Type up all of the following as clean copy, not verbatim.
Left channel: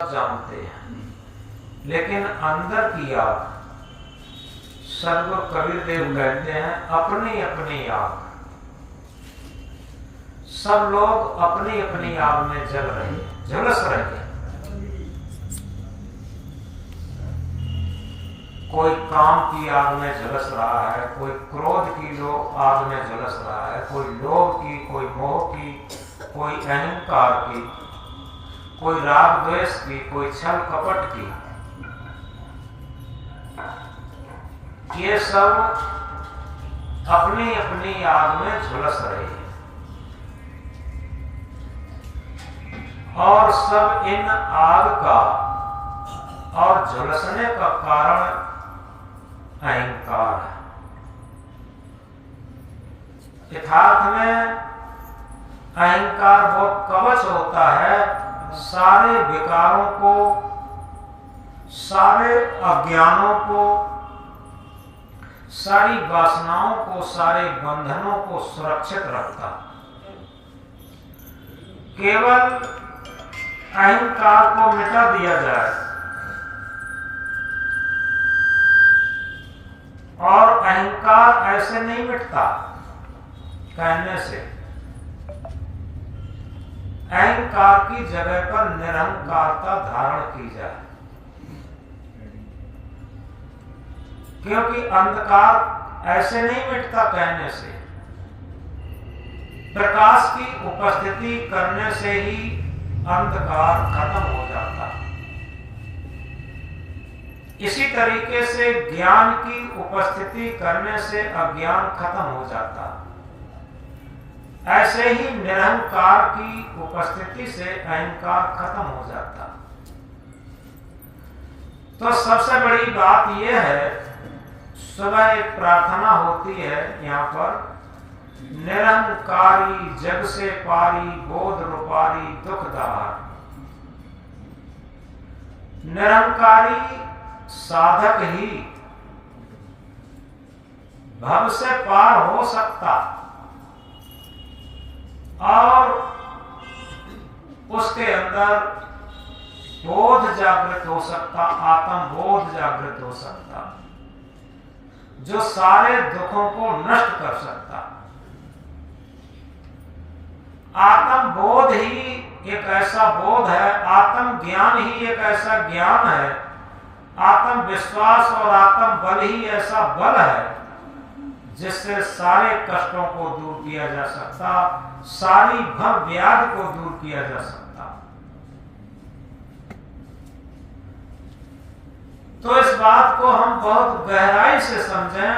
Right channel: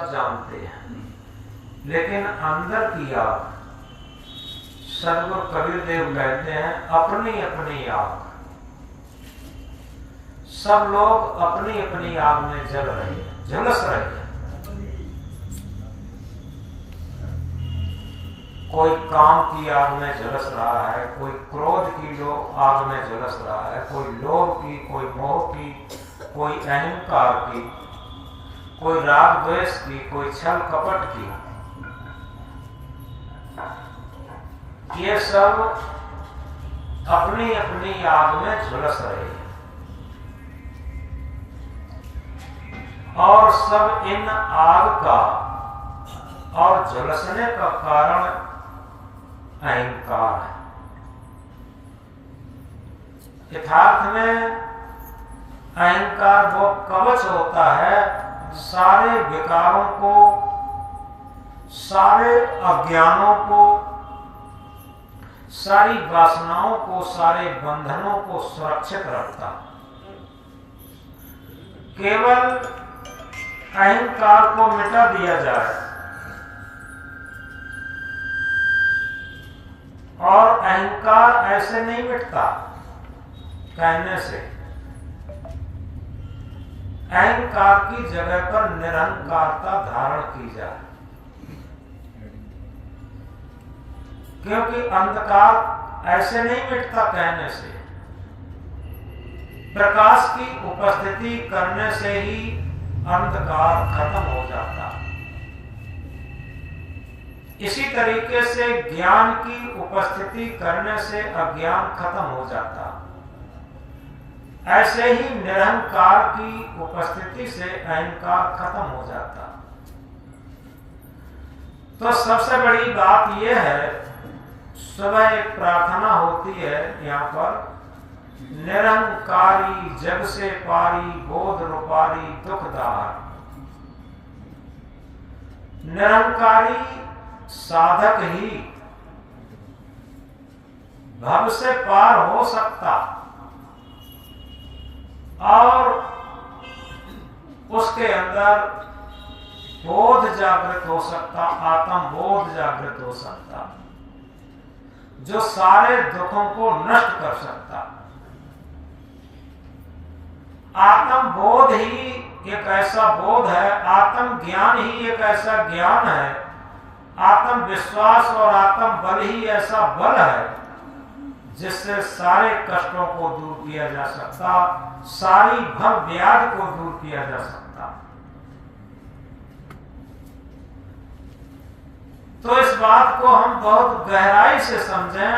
जानते हैं, लेकिन अंदर की आग, सदगुरु कबीर देव कहते हैं अपनी अपनी आग। सब लोग अपनी अपनी आग में जल रहे हैं, झुलस रहे हैं। कोई काम की आग में झुलस रहा है, कोई क्रोध की आग में झुलस रहा है, कोई लोभ की, कोई मोह की, कोई अहंकार की, कोई राग द्वेष की, कोई छल कपट की। ये सब अपनी अपनी आग में झुलस रहे हैं और सब इन आग का और झुलसने का कारण अहंकार है। यथार्थ में अहंकार वो कवच होता है सारे विकारों को, सारे अज्ञानों को, सारी वासनाओं को, सारे बंधनों को सुरक्षित रखता। केवल अहंकार को मिटा दिया जाए और अहंकार ऐसे नहीं मिटता कहने से। अहंकार की जगह पर निरहंकारता धारण की जाए, क्योंकि अंधकार ऐसे नहीं मिटता कहने से। प्रकाश की उपस्थिति करने से ही अंधकार खत्म हो जाता। इसी तरीके से ज्ञान की उपस्थिति करने से अज्ञान खत्म हो जाता। ऐसे ही निरहंकार की उपस्थिति से अहंकार खत्म हो जाता। तो सबसे बड़ी बात यह है, सुबह एक प्रार्थना होती है यहाँ पर, निरहंकारी जग से पारी, बोध रूपारी दुखदार। निरहंकारी साधक ही भव से पार हो सकता और उसके अंदर बोध जागृत हो सकता, आत्म बोध जागृत हो सकता, जो सारे दुखों को नष्ट कर सकता। आत्म बोध ही एक ऐसा बोध है, आत्म ज्ञान ही एक ऐसा ज्ञान है, आत्म विश्वास और आत्म बल ही ऐसा बल है जिससे सारे कष्टों को दूर किया जा सकता, सारी भव व्याध को दूर किया जा सकता। तो इस बात को हम बहुत गहराई से समझें।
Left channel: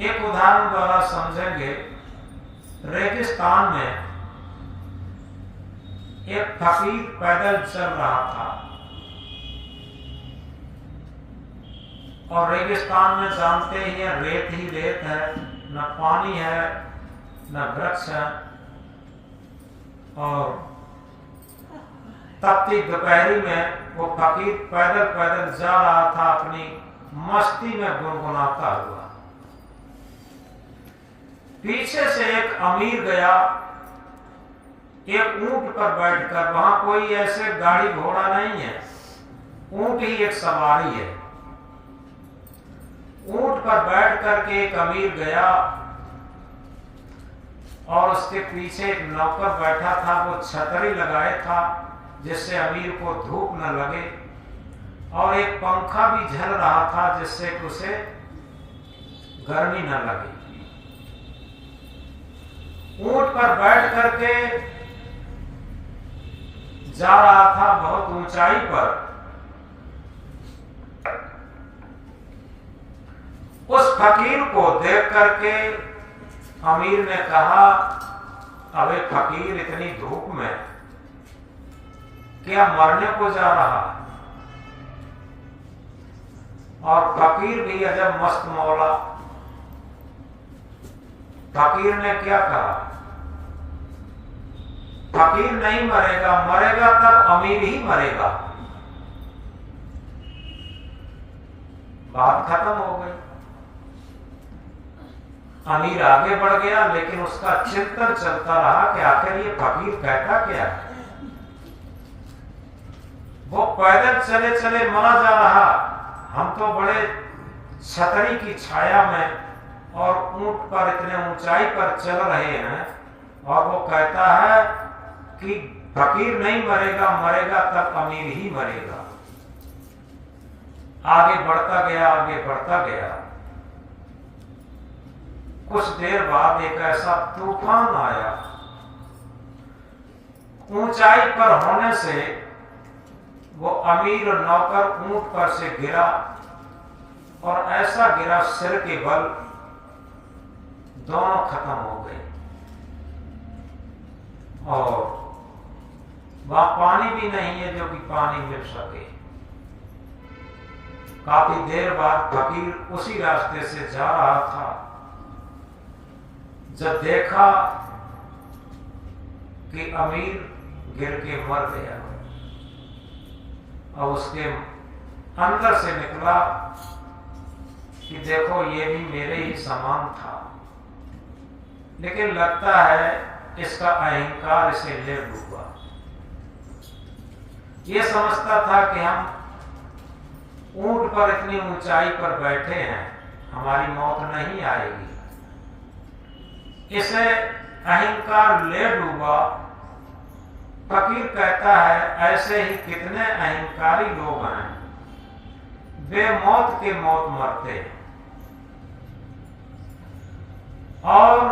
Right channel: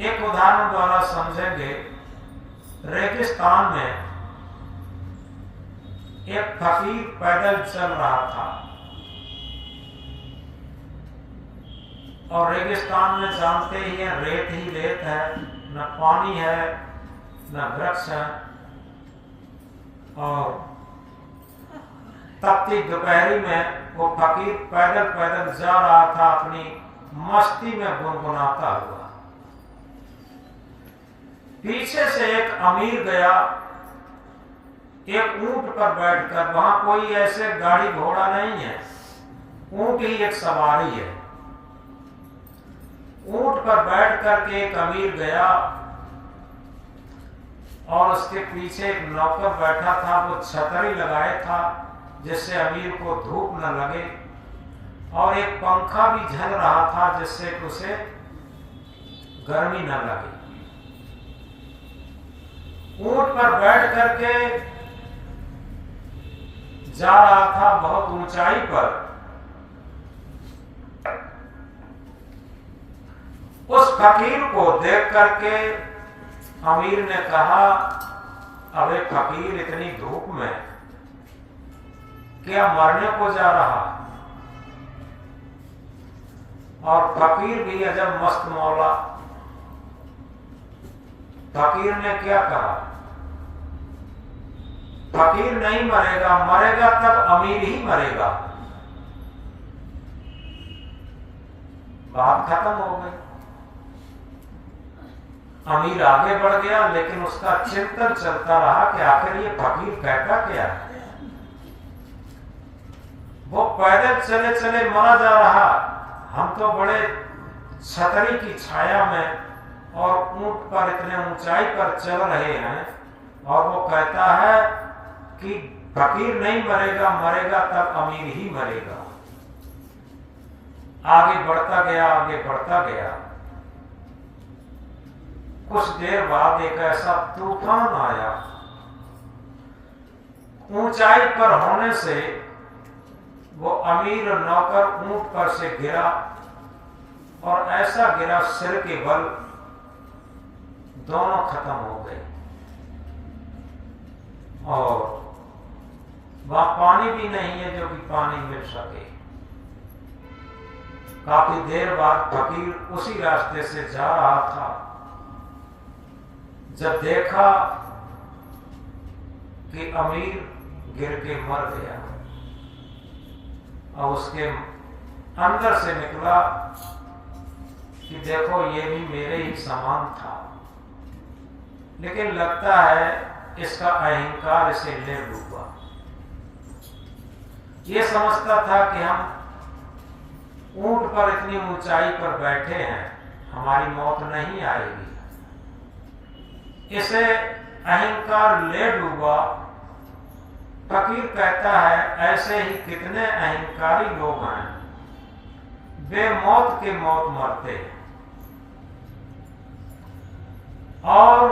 एक उदाहरण द्वारा समझेंगे। रेगिस्तान में एक फकीर पैदल चल रहा था और रेगिस्तान में जानते ही है, रेत ही रेत है, न पानी है न वृक्ष है। और तपती दोपहरी में वो फकीर पैदल पैदल जा रहा था, अपनी मस्ती में गुनगुनाता हुआ। पीछे से एक अमीर गया, एक ऊंट पर बैठकर। वहां कोई ऐसे गाड़ी घोड़ा नहीं है, ऊंट ही एक सवारी है। ऊंट पर बैठ करके एक अमीर गया और उसके पीछे एक नौकर बैठा था। वो छतरी लगाए था जिससे अमीर को धूप न लगे, और एक पंखा भी झल रहा था जिससे कि उसे गर्मी न लगे। ऊंट पर बैठ करके जा रहा था बहुत ऊंचाई पर। उस फकीर को देख करके अमीर ने कहा, अबे फकीर, इतनी धूप में क्या मरने को जा रहा? और फकीर भी अजब मस्त मौला। फकीर ने क्या कहा? फकीर नहीं मरेगा, मरेगा तब अमीर ही मरेगा। बात खत्म हो गई। अमीर आगे बढ़ गया, लेकिन उसका चिंतन चलता रहा कि आखिर ये फकीर कहता क्या है। वो पैदल चले चले मरा जा रहा, हम तो बड़े छतरी की छाया में और ऊंट पर इतने ऊंचाई पर चल रहे हैं, और वो कहता है कि फकीर नहीं मरेगा, मरेगा तब अमीर ही मरेगा। आगे बढ़ता गया, आगे बढ़ता गया। कुछ देर बाद एक ऐसा तूफान आया, ऊंचाई पर होने से वो अमीर नौकर ऊंट पर से गिरा, और ऐसा गिरा सिर के बल दोनों खत्म हो गए। और वहां पानी भी नहीं है जो कि पानी मिल सके। काफी देर बाद फकीर उसी रास्ते से जा रहा था, जब देखा कि अमीर गिर के मर गया, और उसके अंदर से निकला कि देखो ये भी मेरे ही समान था, लेकिन लगता है इसका अहंकार इसे ले डूबा। ये समझता था कि हम ऊंट पर इतनी ऊंचाई पर बैठे हैं, हमारी मौत नहीं आएगी। इसे अहंकार ले डूबा। फकीर कहता है ऐसे ही कितने अहंकारी लोग हैं, वे मौत के मौत मरते हैं। और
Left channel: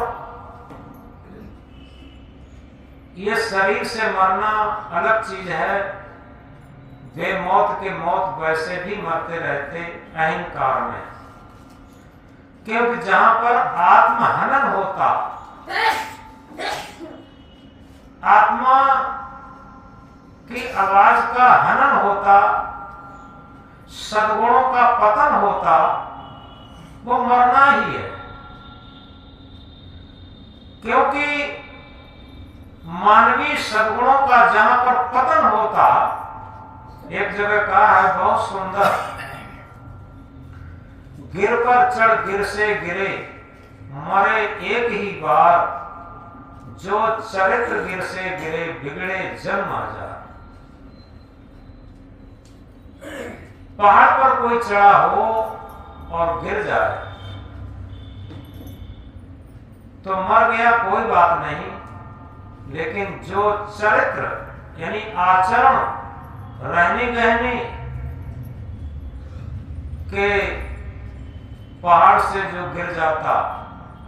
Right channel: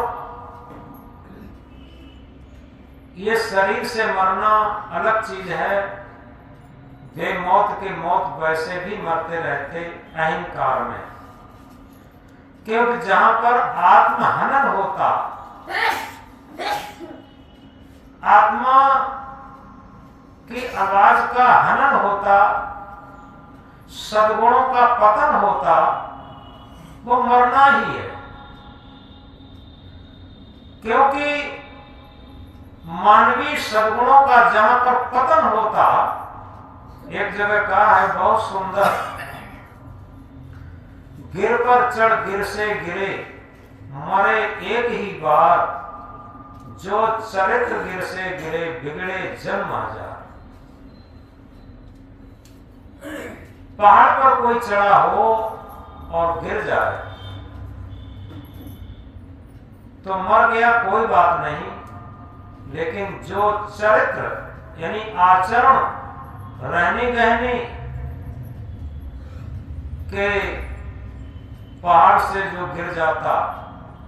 ये शरीर से मरना अलग चीज है, वे मौत के मौत वैसे भी मरते रहते अहंकार में। क्योंकि जहां पर आत्महनन होता, आत्मा की आवाज का हनन होता, सद्गुणों का पतन होता, वो मरना ही है। क्योंकि मानवीय सद्गुणों का जहां पर पतन होता, एक जगह कहा है बहुत सुंदर, गिर पर चढ़ गिर से गिरे, मरे एक ही बार, जो चरित्र गिर से गिरे, बिगड़े जन्म आ जा। पहाड़ पर कोई चढ़ा हो और गिर जाए तो मर गया, कोई बात नहीं, लेकिन जो चरित्र यानी आचरण, रहनी गहनी के पहाड़ से जो गिर जाता,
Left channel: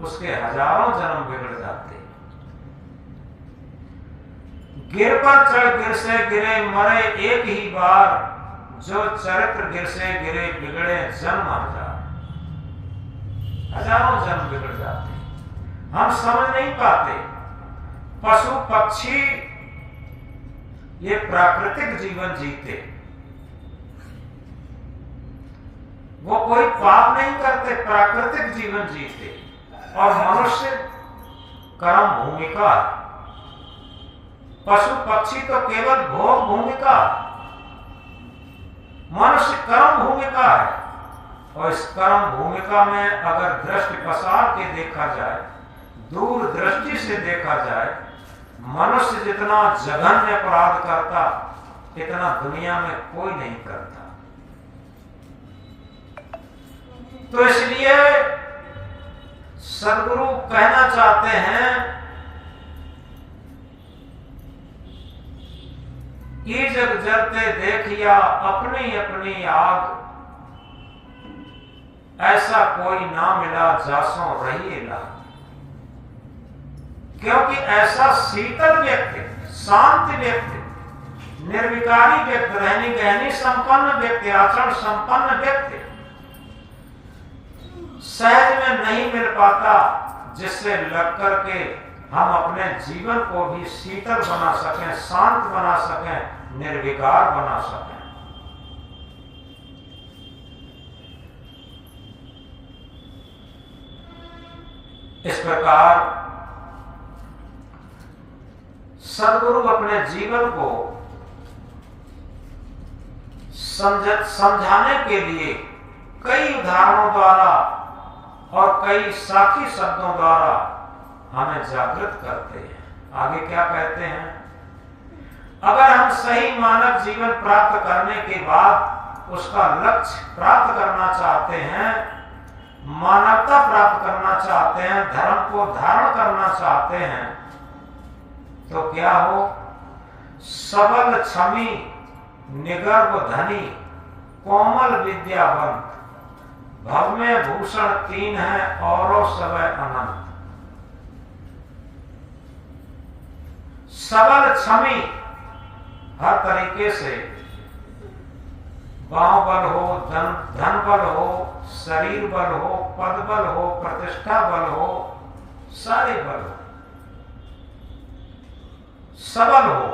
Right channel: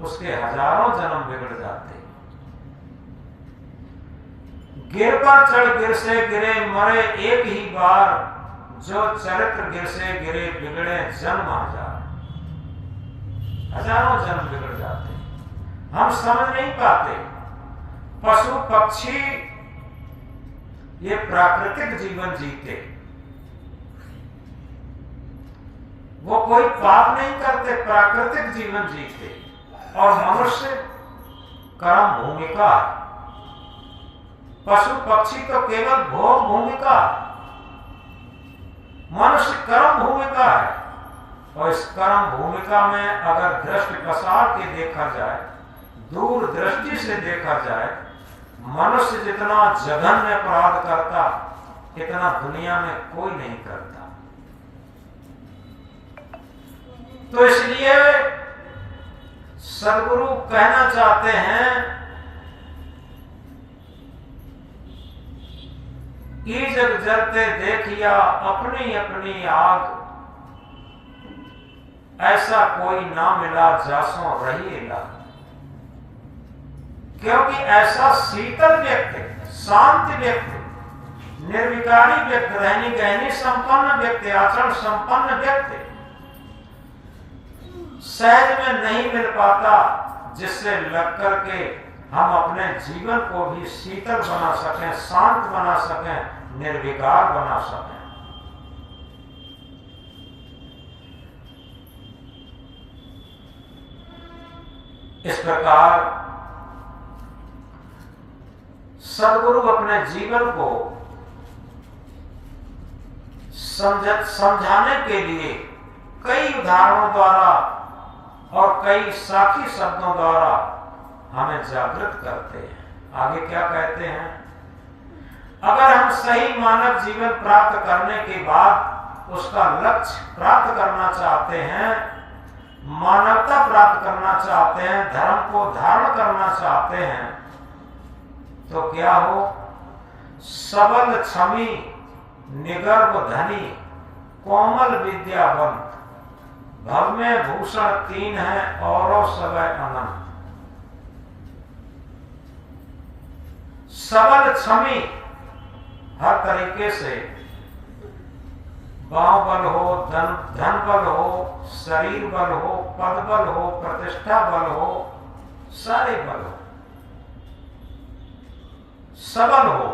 उसके हजारों जन्म बिगड़ जाते। गिर पर चढ़ गिर से गिरे, मरे एक ही बार, जो चरित्र गिर से गिरे, बिगड़े जन्म आ जाए। हजारों जन्म बिगड़ जाते, हम समझ नहीं पाते। पशु पक्षी ये प्राकृतिक जीवन जीते, वो कोई पाप नहीं करते, प्राकृतिक जीवन जीते। और मनुष्य कर्म भूमिका है। पशु पक्षी तो केवल भोग भूमिका, मनुष्य कर्म भूमिका है। और इस कर्म भूमिका में अगर दृष्टि पसार के देखा जाए, दूर दृष्टि से देखा जाए, मनुष्य जितना जघन्य अपराध करता, इतना दुनिया में कोई नहीं करता। तो इसलिए सद्गुरु कहना चाहते हैं कि जग जलते देखिया अपनी अपनी आग, ऐसा कोई ना मिला जासों रहिएगा। क्योंकि ऐसा शीतल व्यक्ति, शांत व्यक्ति, निर्विकारी व्यक्ति, रहनी गहनी संपन्न व्यक्ति, आचरण संपन्न व्यक्ति सहज में नहीं मिल पाता, जिससे लग करके हम अपने जीवन को भी शीतल बना सकें, शांत बना सकें, निर्विकार बना सकें। इस प्रकार सद्गुरु अपने जीवन को समझाने के लिए कई उदाहरणों द्वारा और कई साखी शब्दों द्वारा हमें जागृत करते हैं। आगे क्या कहते हैं? अगर हम सही मानव जीवन प्राप्त करने के बाद उसका लक्ष्य प्राप्त करना चाहते हैं, मानवता प्राप्त करना चाहते हैं, धर्म को धारण करना चाहते हैं, तो क्या हो? सबल क्षमी निगर्भ धनी कोमल विद्यावंत, भव में भूषण तीन है औरों सबय अनंत। सबल क्षमी, हर तरीके से, बांव बल हो, धन बल हो, शरीर बल हो, पद बल हो, प्रतिष्ठा बल हो, सारे बल हो, सबल हो,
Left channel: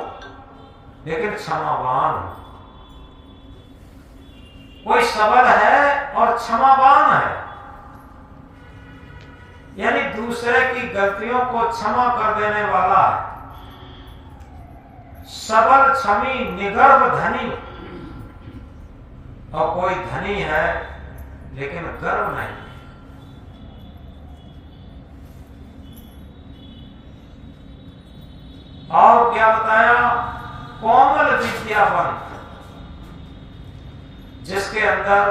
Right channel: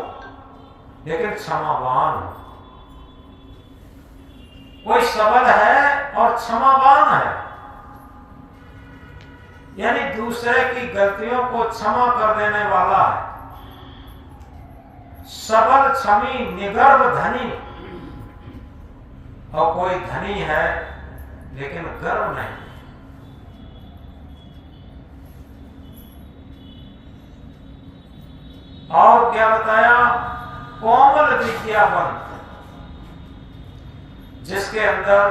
लेकिन क्षमावान हो। कोई सबल है और क्षमावान है, यानी दूसरे की गलतियों को क्षमा कर देने वाला है। सबल क्षमी निगर्भ धनी, और कोई धनी है लेकिन गर्व नहीं। और क्या बताया? कोमल विद्यावंत, जिसके अंदर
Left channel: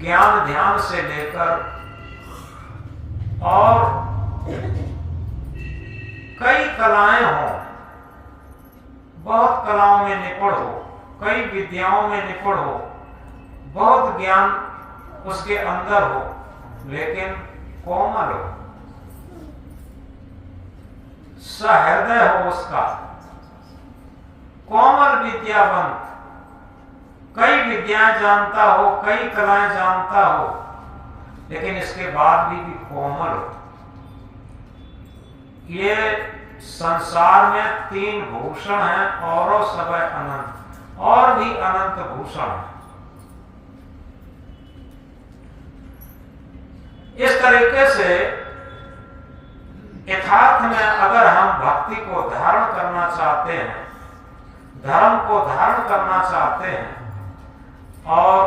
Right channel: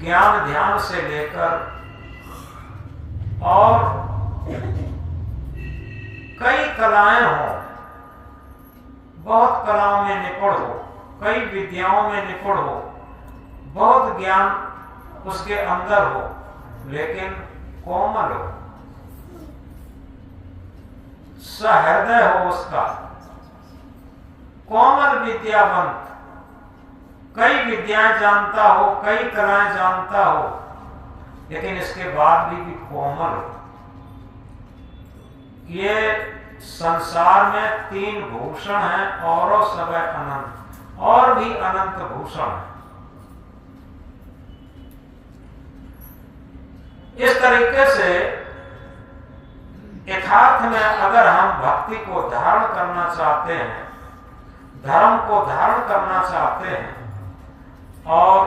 ज्ञान ध्यान से लेकर और कई कलाएं हो, बहुत कलाओं में निपुण हो, कई विद्याओं में निपुण हो, बहुत ज्ञान उसके अंदर हो, लेकिन कोमल हो, सहृदय हो उसका। कोमल विद्यावंत, कई विद्याएं जानता हो, कई कलाएं जानता हो, लेकिन इसके बाद भी कोमल हो। ये संसार में तीन भूषण हैं औरों सबय अनंत, और भी अनंत भूषण है। इस तरीके से यथार्थ में अगर हम भक्ति को धारण करना चाहते हैं, धर्म को धारण करना चाहते हैं, और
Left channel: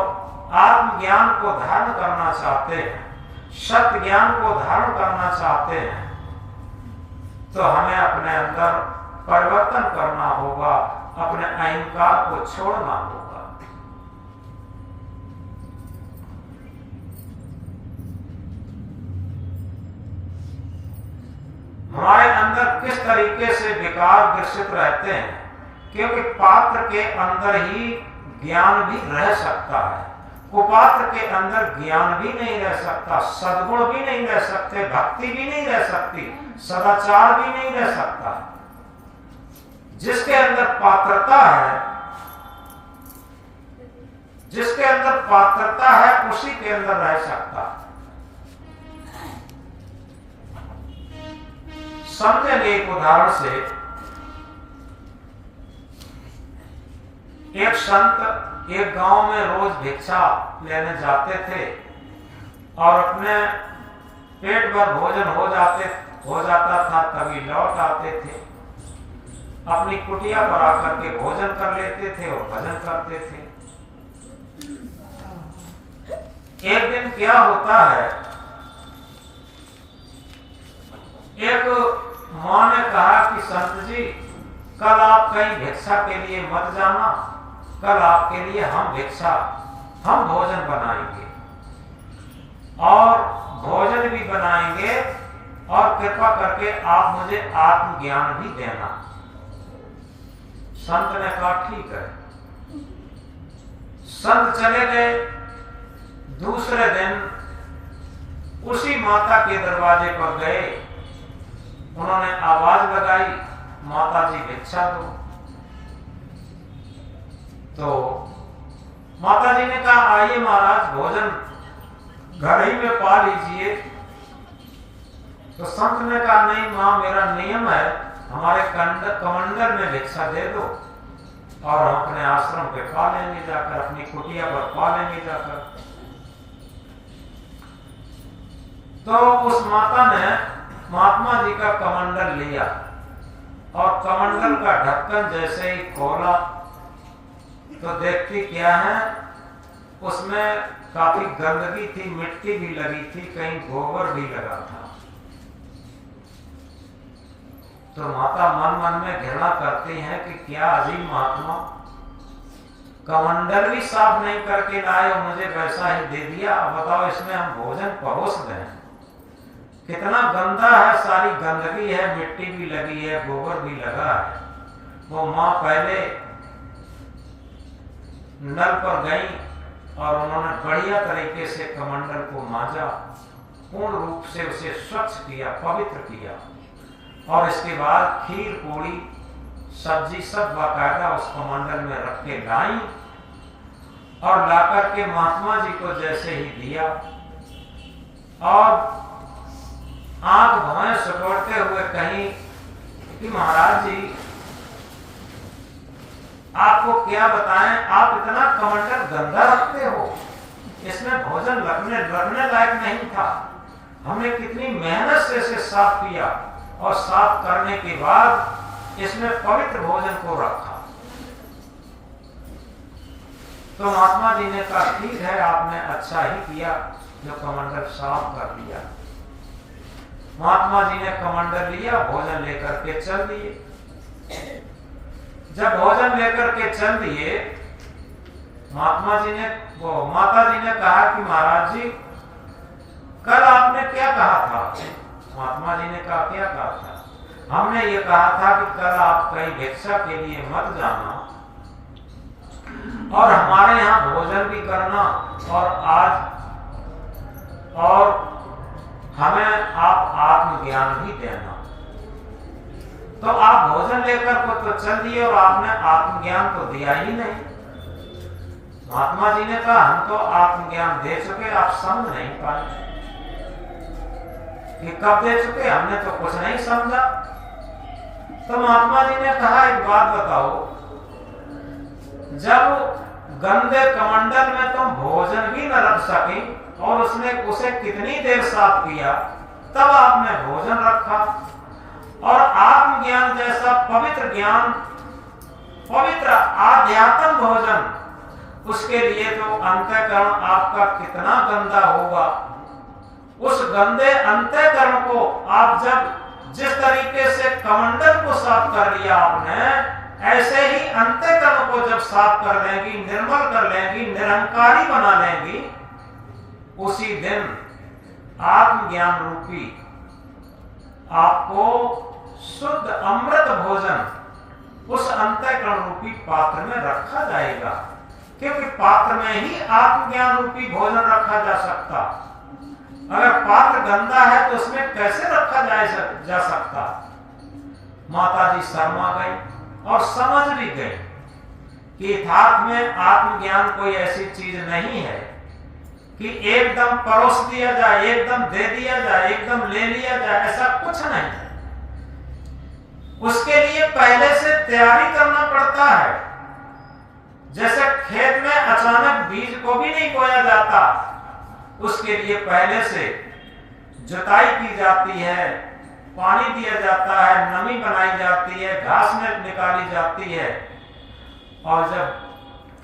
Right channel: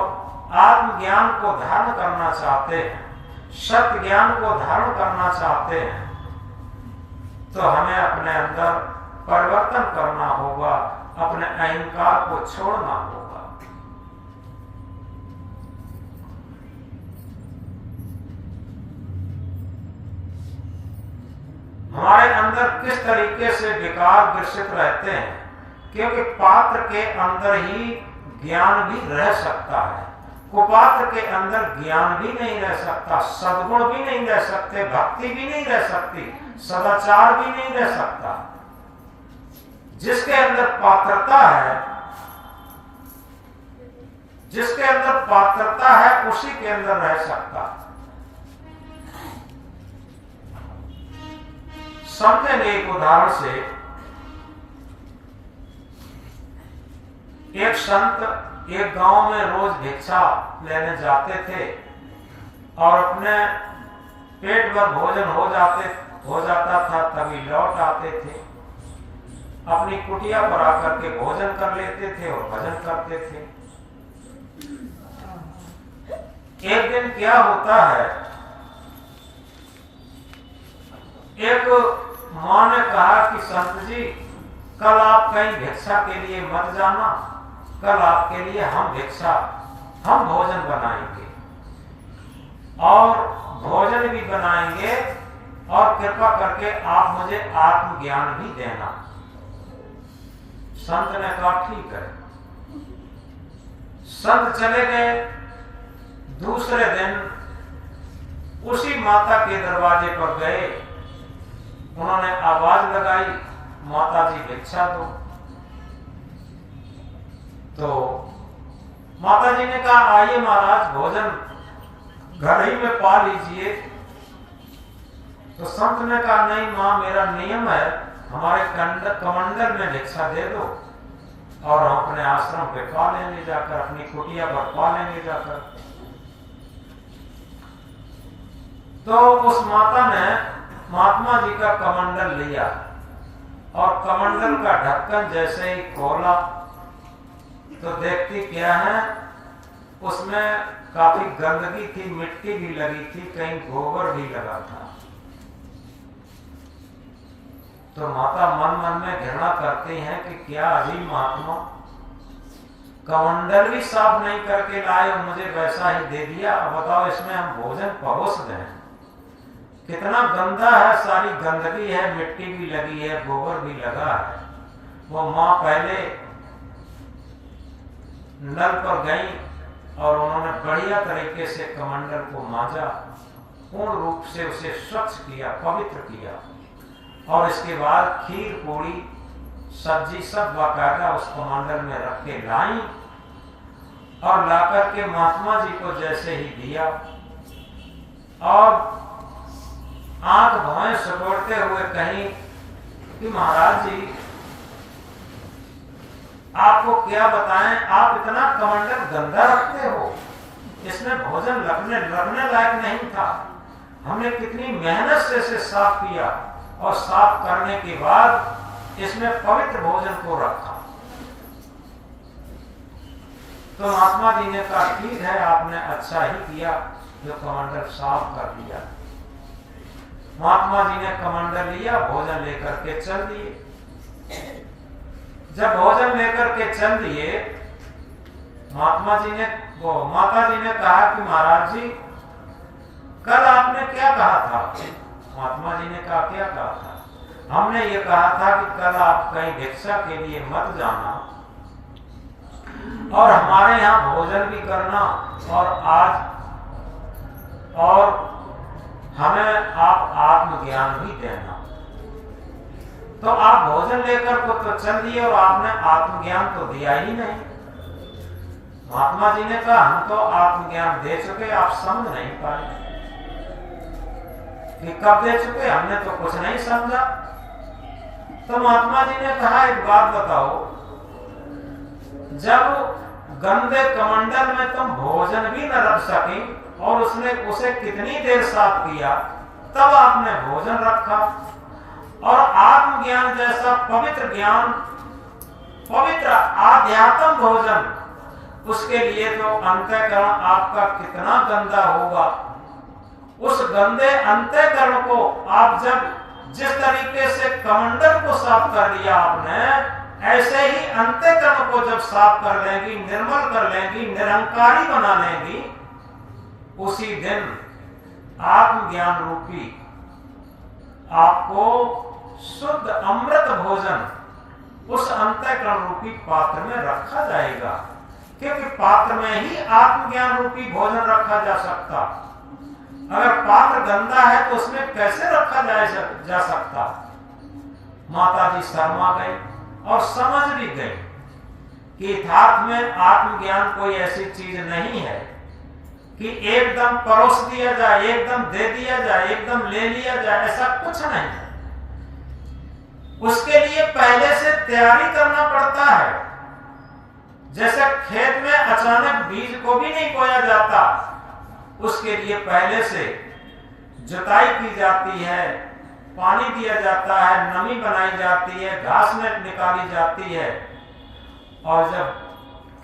आत्मज्ञान को धारण करना चाहते हैं, सत्य ज्ञान को धारण करना चाहते हैं, तो हमें अपने अंदर परिवर्तन करना होगा, अपने अहंकार को छोड़ना होगा। हमारे अंदर किस तरीके से विकार ग्रसित रहते हैं, क्योंकि पात्र के अंदर ही ज्ञान भी रह सकता है, कुपात्र के अंदर ज्ञान भी नहीं रह सकता, सद्गुण भी नहीं रह सकते, भक्ति भी नहीं रह सकती, सदाचार भी नहीं रह सकता। जिसके अंदर पात्रता है, जिसके अंदर पात्रता है, उसी के अंदर रह सकता है। समझेंगे एक उदाहरण से। एक संत एक गांव में रोज भिक्षा लेने जाते थे और अपने पेट भर भोजन हो जाता था, तभी लौट आते थे, अपनी कुटिया पर आकर के भोजन कर लेते थे और भजन करते थे। एक दिन क्या होता है, एक मां ने कहा कि संत जी, कल आप कहीं भिक्षा के लिए मत जाना, कल आपके लिए हम भोजन बनाएंगे और भोजन भी बनाएंगे, और कृपा करके आप मुझे आत्मज्ञान भी देना। संत ने कहा ठीक है। संत चले गए। दूसरे दिन उसी माता के दरवाजे पर गए, उन्होंने आवाज लगाई, माता जी भिक्षा दो। तो माता जी ने कहा आइए महाराज, भोजन घर ही में पा लीजिए। तो संत ने कहा नहीं मां, मेरा नियम है, हमारे कमंडल में भिक्षा दे दो और हम अपने आश्रम पे पा लेंगे जाकर, अपनी कुटिया पर पा लेंगे जाकर। तो उस माता ने महात्मा जी का कमंडल लिया और कमंडल का ढक्कन जैसे ही खोला तो देखती क्या है, उसमें काफी गंदगी थी, मिट्टी भी लगी थी, कहीं गोबर भी लगा था। तो माता मन मन में घृणा करती हैं कि क्या अजीब महात्मा, कमंडल भी साफ नहीं करके लाए और मुझे वैसा ही दे दिया। अब बताओ, इसमें हम भोजन परोस दें, कितना गंदा है, सारी गंदगी है, मिट्टी भी लगी है, गोबर भी लगा है। वो माँ पहले नल पर गई और उन्होंने बढ़िया तरीके से कमंडल को मांजा, पूर्ण रूप से उसे स्वच्छ किया, पवित्र किया, और इसके बाद खीर पूड़ी सब्जी सब बाकायदा उस कमंडल में रख के लाई और लाकर के महात्मा जी को जैसे ही दिया और आंख भौएं सुकोड़ते हुए कहीं कि महाराज जी आपको क्या बताएं, आप इतना कमंडल गंदा रखते हो, इसमें भोजन लगने लायक नहीं था। हमने कितनी मेहनत से इसे साफ किया और साफ करने के बाद इसमें पवित्र भोजन को रखा। तो महात्मा जी ने कहा ठीक है, आपने अच्छा ही किया जो कमंडल साफ कर दिया। महात्मा जी ने कमंडल लिया, भोजन लेकर के चल दिए। जब भोजन लेकर के चल दिए, माता जी ने कहा कि महाराज जी कल आपने क्या कहा था? महात्मा जी ने कहा क्या कहा था? हमने ये कहा था कि कल आप कहीं भिक्षा के लिए मत जाना और हमारे यहाँ भोजन भी करना और हमें आप आत्मज्ञान भी देना। तो आप भोजन लेकर को तो चल दिए और आपने आत्मज्ञान तो दिया ही नहीं। महात्मा जी ने कहा हम तो आत्मज्ञान दे चुके, आप समझ नहीं पाए कि कब दे चुके, हमने तो कुछ नहीं समझा। तो महात्मा जी ने कहा एक बात बताओ, जब गंदे कमंडल में तुम भोजन भी न रख सके और उसे कितनी देर साफ किया, तब आपने भोजन रखा। और आत्मज्ञान जैसा पवित्र ज्ञान, पवित्र आध्यात्म भोजन, उसके लिए तो अंतःकरण आपका कितना गंदा होगा। उस गंदे अंतःकरण को आप जब जिस तरीके से कमंडल को साफ कर लिया आपने, ऐसे ही अंतःकरण को जब साफ कर लेंगी, निर्मल कर लेंगी, निरंकारी बना लेंगी, उसी दिन आत्मज्ञान रूपी आपको शुद्ध अमृत भोजन उस अंतःकरण रूपी पात्र में रखा जाएगा। क्योंकि पात्र में ही आत्मज्ञान रूपी भोजन रखा जा सकता। अगर पात्र गंदा है तो उसमें कैसे रखा जा सकता? माता जी शर्मा गई और समझ भी गई कि यथार्थ में आत्मज्ञान कोई ऐसी चीज नहीं है कि एकदम परोस दिया जाए, एकदम दे दिया जाए, एकदम ले लिया जाए, ऐसा कुछ नहीं है। उसके लिए पहले से तैयारी करना पड़ता है। जैसे खेत में अचानक बीज को भी नहीं बोया जाता, उसके लिए पहले से जुताई की जाती है, पानी दिया जाता है, नमी बनाई जाती है, घास में निकाली जाती है, और जब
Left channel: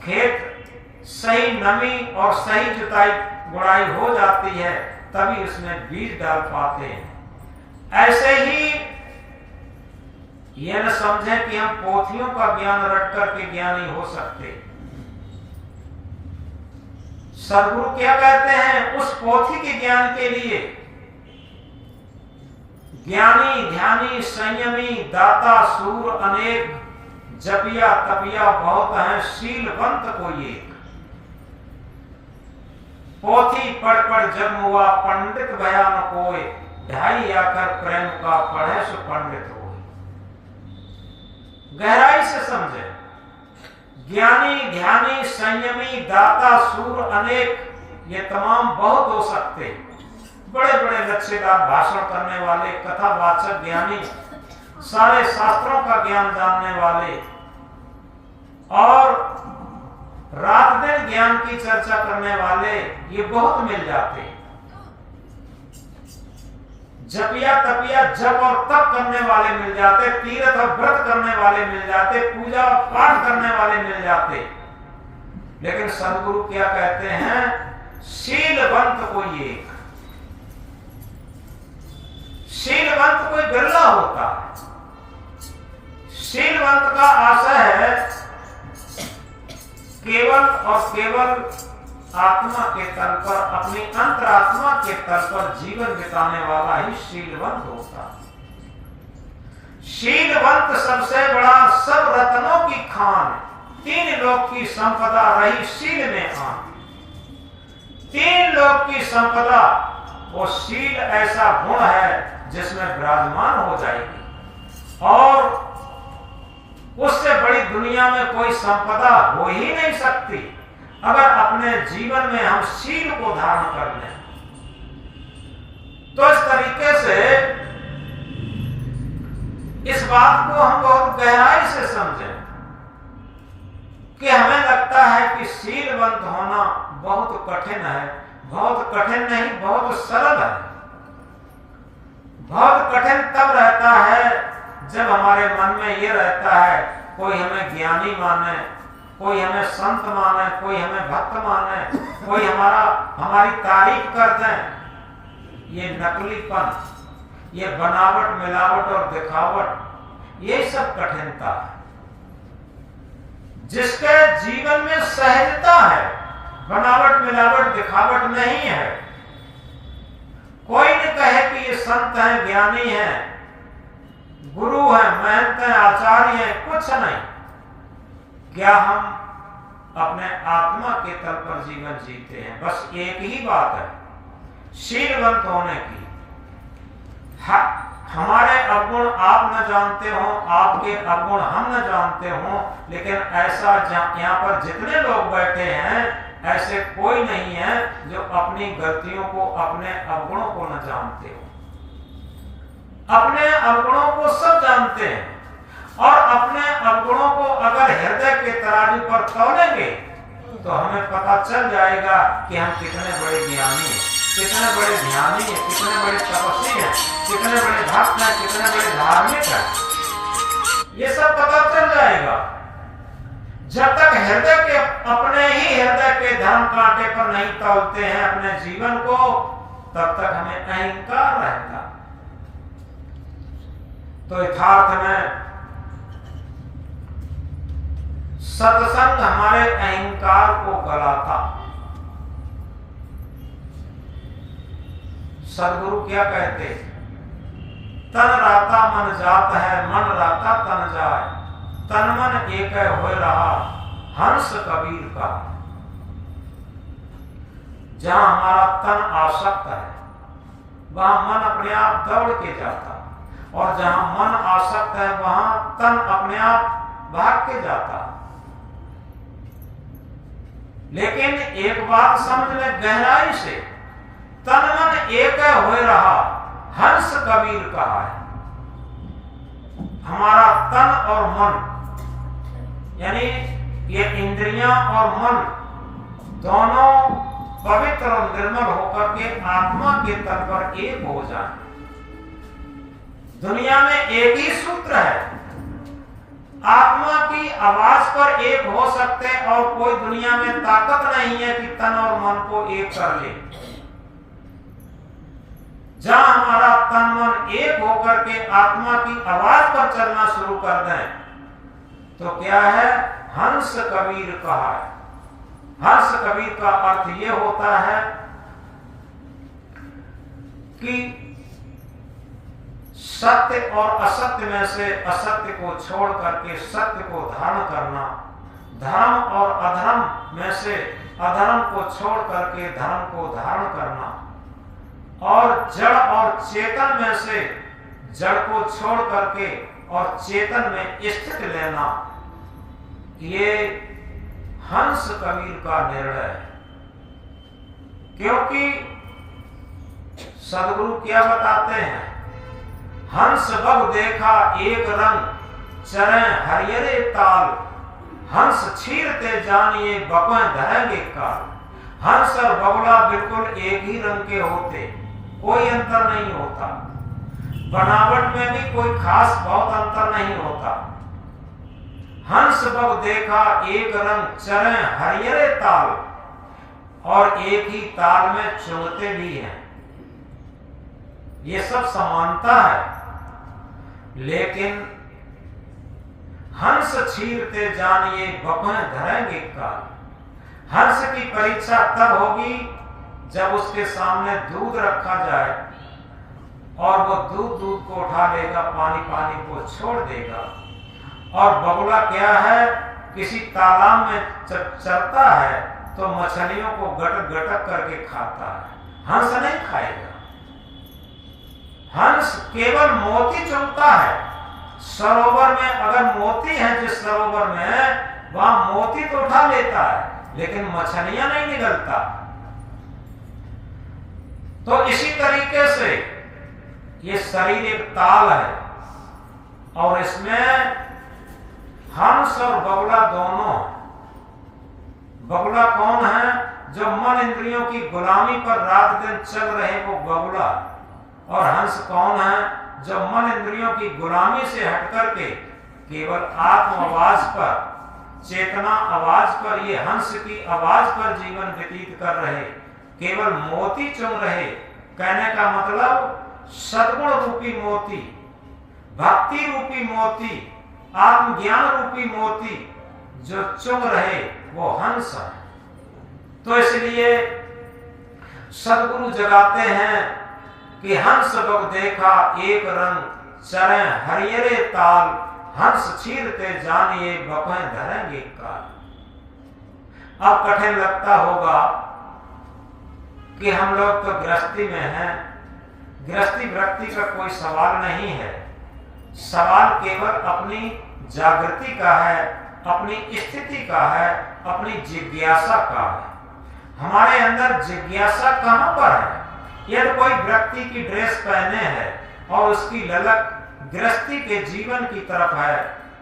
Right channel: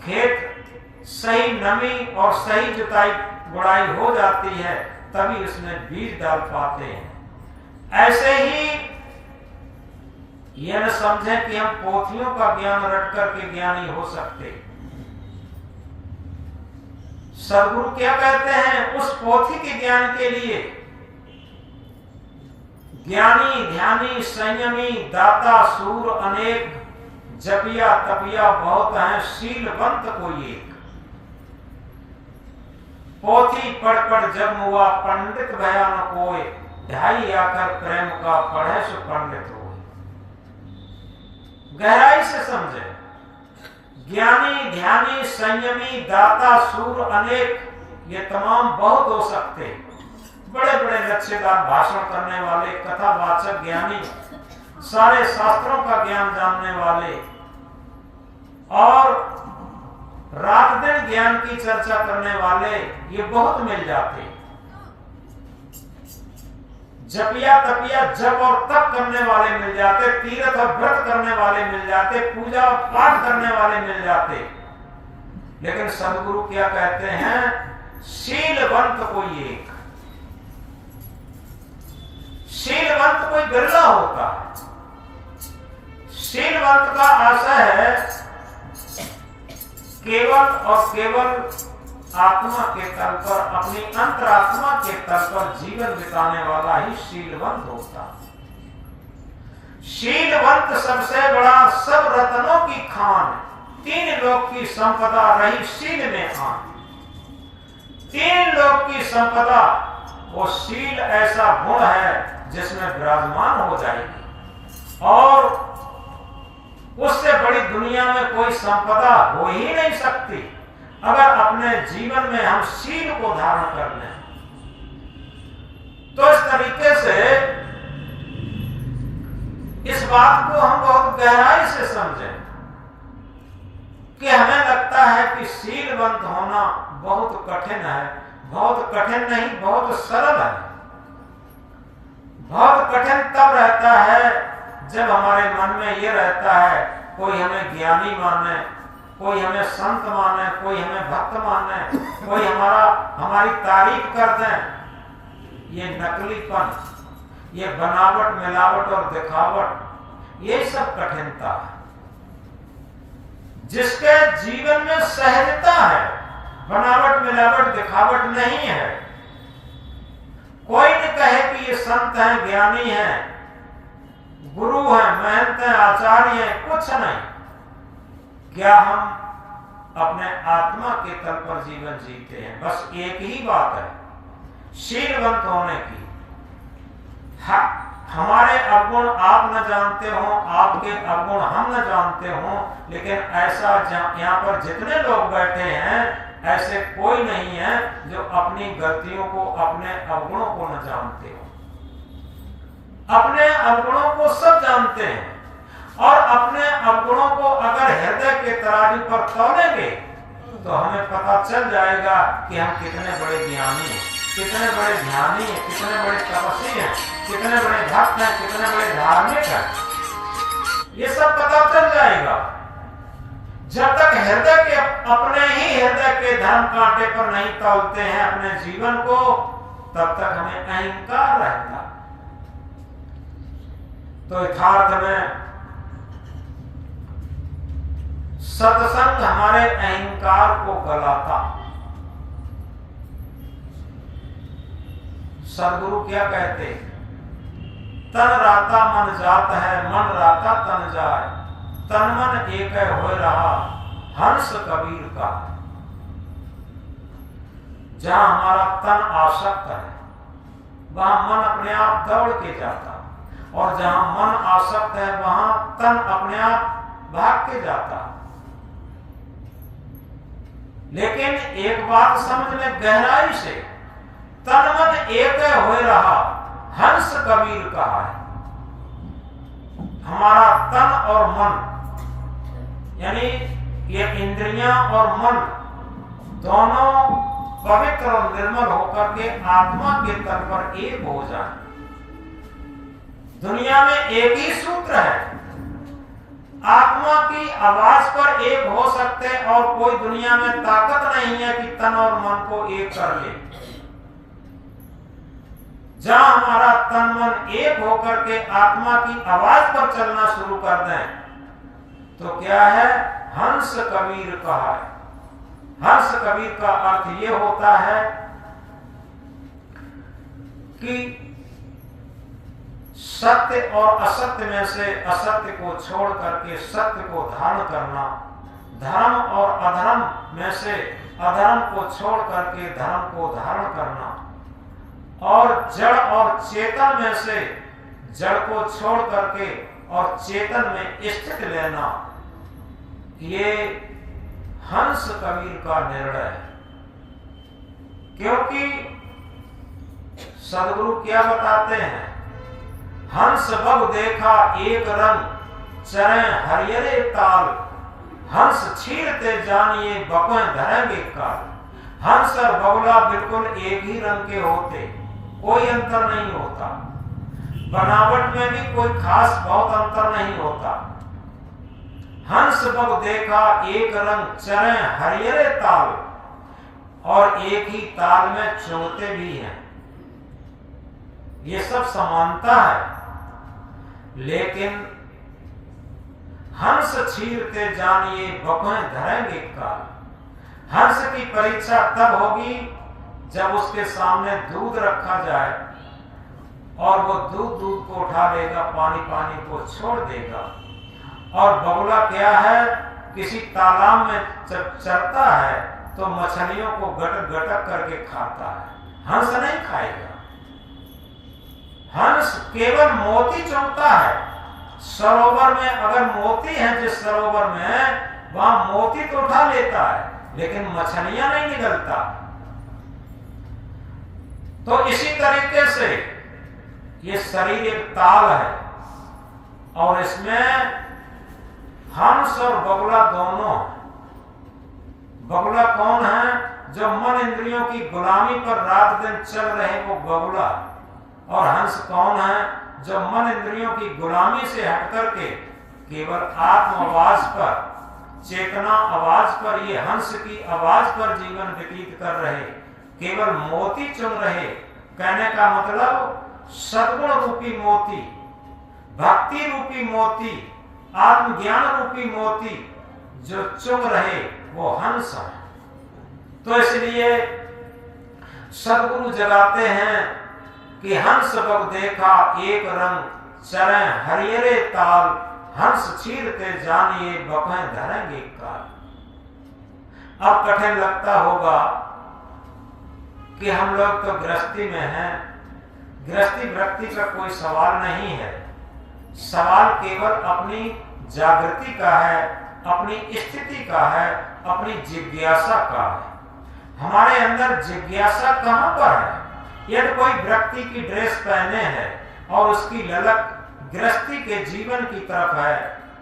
खेत सही नमी और सही जुताई गुड़ाई हो जाती है तभी उसमें बीज डाल पाते हैं। ऐसे ही यह न समझें कि हम पोथियों का ज्ञान रट करके ज्ञानी हो सकते। सदगुरु क्या कहते हैं? उस पोथी के ज्ञान के लिए ज्ञानी ध्यानी संयमी दाता सूर अनेक, जपिया तपिया बहुत है, शीलवंत कोई एक। पोथी पढ़ पढ़ जन्म हुआ, पंडित भया न कोई, ढाई आकर प्रेम का पढ़े सो पंडित हो। गहराई से समझे। ज्ञानी ध्यानी संयमी दाता सूर अनेक, ये तमाम बहुत हो सकते। बड़े बड़े लक्ष्यदार भाषण करने वाले, कथावाचक ज्ञानी, सारे शास्त्रों का ज्ञान जानने वाले और रात दिन ज्ञान की चर्चा करने वाले, ये बहुत मिल जाते। जपिया तपिया जप और तप करने वाले मिल जाते, तीर्थ और व्रत करने वाले मिल जाते, पूजा और पाठ करने वाले मिल जाते। लेकिन सदगुरु क्या कहते हैं? शीलवंत कोई एक। शीलवंत कोई बिरला होता है। शीलवंत का आशय है केवल और केवल आत्मा के तल पर, अपनी अंतरात्मा के तल पर जीवन बिताने वाला ही शीलवंत होता। शीलवंत सबसे बड़ा सब रत्नों की खान, तीन लोक की संपदा रही शील में आन। तीन लोक की संपदा वो शील ऐसा गुण है जिसमें विराजमान हो जाएगी, और उससे बड़ी दुनिया में कोई संपदा हो ही नहीं सकती अगर अपने जीवन में हम शील को धारण कर लें। तो इस तरीके से इस बात को हम बहुत गहराई से समझें कि हमें लगता है कि शीलवंत होना बहुत कठिन है। बहुत कठिन नहीं, बहुत सरल है। बहुत कठिन तब रहता है जब हमारे मन में ये रहता है कोई हमें ज्ञानी माने, कोई हमें संत माने, कोई हमें भक्त माने, कोई हमारी तारीफ कर दें। ये नकलीपन, ये बनावट मिलावट और दिखावट, ये सब कठिनता है। जिसके जीवन में सहजता है, बनावट मिलावट दिखावट नहीं है, कोई न कहे कि ये संत हैं, ज्ञानी हैं, गुरु हैं, महंत हैं, आचार्य हैं, कुछ नहीं। क्या हम अपने आत्मा के तल पर जीवन जीते हैं? बस एक ही बात है शीलवंत होने की। हमारे अवगुण आप न जानते हो, आपके अवगुण हम न जानते हो, लेकिन ऐसा यहाँ पर जितने लोग बैठे हैं ऐसे कोई नहीं है जो अपनी गलतियों को, अपने अवगुणों को न जानते हो। अपने अवगुणों को सब जानते हैं, और अपने अवगुणों को अगर हृदय के तराजू पर तौलेंगे तो हमें पता चल जाएगा कि हम कितने बड़े ज्ञानी हैं, कितने बड़े ध्यानी हैं, कितने बड़े तपस्वी हैं, कितने बड़े भक्त हैं, कितने बड़े धार्मिक हैं। ये सब पता चल जाएगा। जब तक हृदय के, अपने ही हृदय के धर्म कांटे पर नहीं तौलते हैं अपने जीवन को, तब तक हमें अहंकार रहता। तो यथार्थ में सत्संग हमारे अहंकार को गलाता। सदगुरु क्या कहते? तन राता मन जात है, मन राता तन जाए, तन मन एक हो रहा हंस कबीर का। जहां हमारा तन आसक्त है वहां मन अपने आप दौड़ के जाता, और जहां मन आसक्त है वहां तन अपने आप भाग के जाता। लेकिन एक बात समझ में गहराई से, तन मन एक हो रहा हंस कबीर कहा है। हमारा तन और मन, यानी ये इंद्रियां और मन दोनों पवित्र और निर्मल होकर के आत्मा के तल पर एक हो जाए। दुनिया में एक ही सूत्र है, आत्मा की आवाज पर एक हो सकते, और कोई दुनिया में ताकत नहीं है कि तन और मन को एक कर ले। जहां हमारा तन मन एक होकर के आत्मा की आवाज पर चलना शुरू कर दें तो क्या है? हंस कबीर कहा है। हंस कबीर का अर्थ यह होता है कि सत्य और असत्य में से असत्य को छोड़ करके सत्य को धारण करना, धर्म और अधर्म में से अधर्म को छोड़ करके धर्म को धारण करना, और जड़ और चेतन में से जड़ को छोड़ करके और चेतन में स्थित लेना, ये हंस कबीर का निर्णय है। क्योंकि सदगुरु क्या बताते हैं? हंस बग देखा एक रंग, चरे हरियरे ताल, हंस छीरते जानिए बकों धरेंगे काल। हंस और बगुला बिल्कुल एक ही रंग के होते, कोई अंतर नहीं होता। बनावट में भी कोई खास बहुत अंतर नहीं होता। हंस बग देखा एक रंग, चरे हरियरे ताल, और एक ही ताल में चुगते भी हैं। ये सब समानता है, लेकिन हंस छीरते जानिए बपें धरेंगे काल। हंस की परीक्षा तब होगी जब उसके सामने दूध रखा जाए और वो दूध को उठा लेगा, पानी को छोड़ देगा। और बगुला क्या है, किसी तालाब में चरता है तो मछलियों को गटक गटक करके खाता है, हंस नहीं खाएगा। हंस केवल मोती चुनता है। सरोवर में अगर मोती है, जिस सरोवर में, वहां मोती तो उठा लेता है लेकिन मछलियां नहीं निगलता। तो इसी तरीके से ये शरीर एक ताल है और इसमें हंस और बगुला दोनों। बगुला कौन है? जो मन इंद्रियों की गुलामी पर रात दिन चल रहे, वो बगुला। और हंस कौन है? जो मन इंद्रियों की गुलामी से हटकर के केवल आत्म आवाज पर, चेतना आवाज पर, ये हंस की आवाज पर जीवन व्यतीत कर रहे, केवल मोती चुन रहे। कहने का मतलब सद्गुण रूपी मोती, भक्ति रूपी मोती, आत्मज्ञान रूपी मोती जो चुन रहे, वो हंस है। तो इसलिए सद्गुरु जगाते हैं कि हंस बग देखा एक रंग, चरे हरियरे ताल, हंस छीरते जानिए बपें धरेंगे काल। अब कठिन लगता होगा कि हम लोग तो गृहस्थी में हैं, गृहस्थी वृत्ति का कोई सवाल नहीं है। सवाल केवल अपनी जागृति का है, अपनी स्थिति का है, अपनी जिज्ञासा का है। हमारे अंदर जिज्ञासा कहां पर है? यदि कोई व्यक्ति की ड्रेस पहने है और उसकी ललक गृहस्थी के जीवन की तरफ है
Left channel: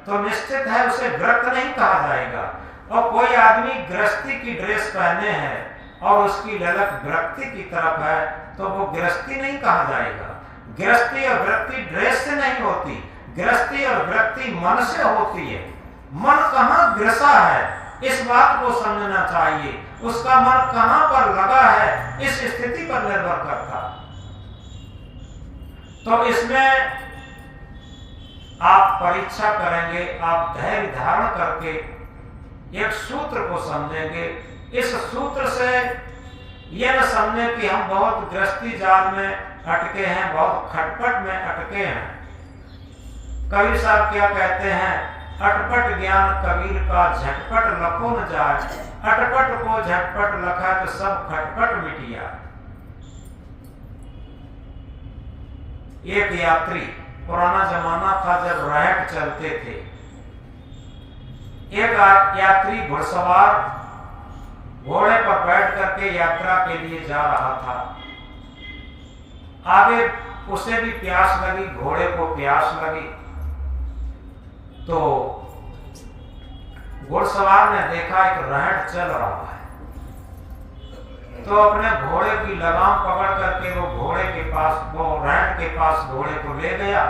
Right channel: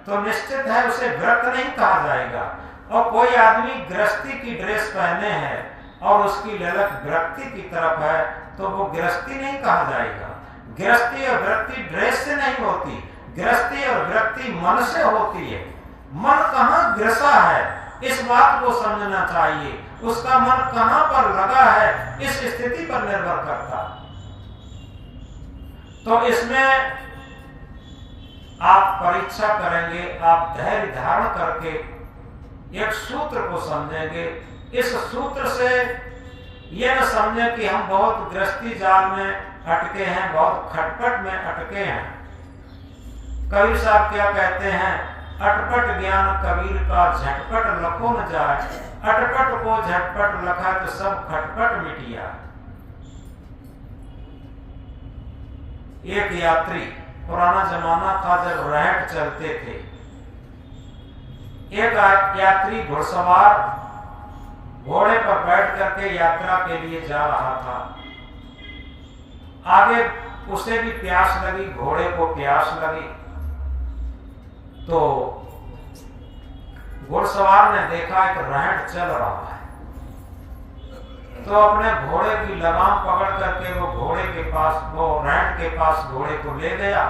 तो निश्चित है उसे व्रत नहीं कहा जाएगा। और कोई आदमी गृहस्थी की ड्रेस पहने है और उसकी ललक वृत्ति की तरफ है तो वो गृहस्थी नहीं कहा जाएगा। गृहस्थी और वृत्ति ड्रेस से नहीं होती, गृहस्थी और वृत्ति मन से होती है। मन कहाँ ग्रसा है, इस बात को समझना चाहिए। उसका मन कहां पर लगा है, इस स्थिति पर निर्भर करता। तो इसमें आप परीक्षा करेंगे, आप धैर्य धारण करके एक सूत्र को समझेंगे। इस सूत्र से यह न समझें कि हम बहुत गृहस्थी जाल में अटके हैं, बहुत खटपट में अटके हैं। कबीर साहब क्या कहते हैं? अटपट ज्ञान कबीर का झटपट लखो न जाए, अटपट को झटपट लखा तो सब खटपट मिटिया। एक यात्री, पुराना जमाना था जब रहट चलते थे, एक यात्री घुड़सवार घोड़े पर बैठ करके यात्रा के लिए जा रहा था। आगे उसे भी प्यास लगी, घोड़े को प्यास लगी। तो घुड़सवार ने देखा एक रहट चल रहा है, तो अपने घोड़े की लगाम पकड़ करके वो घोड़े के पास, वो रहट के पास घोड़े को ले गया।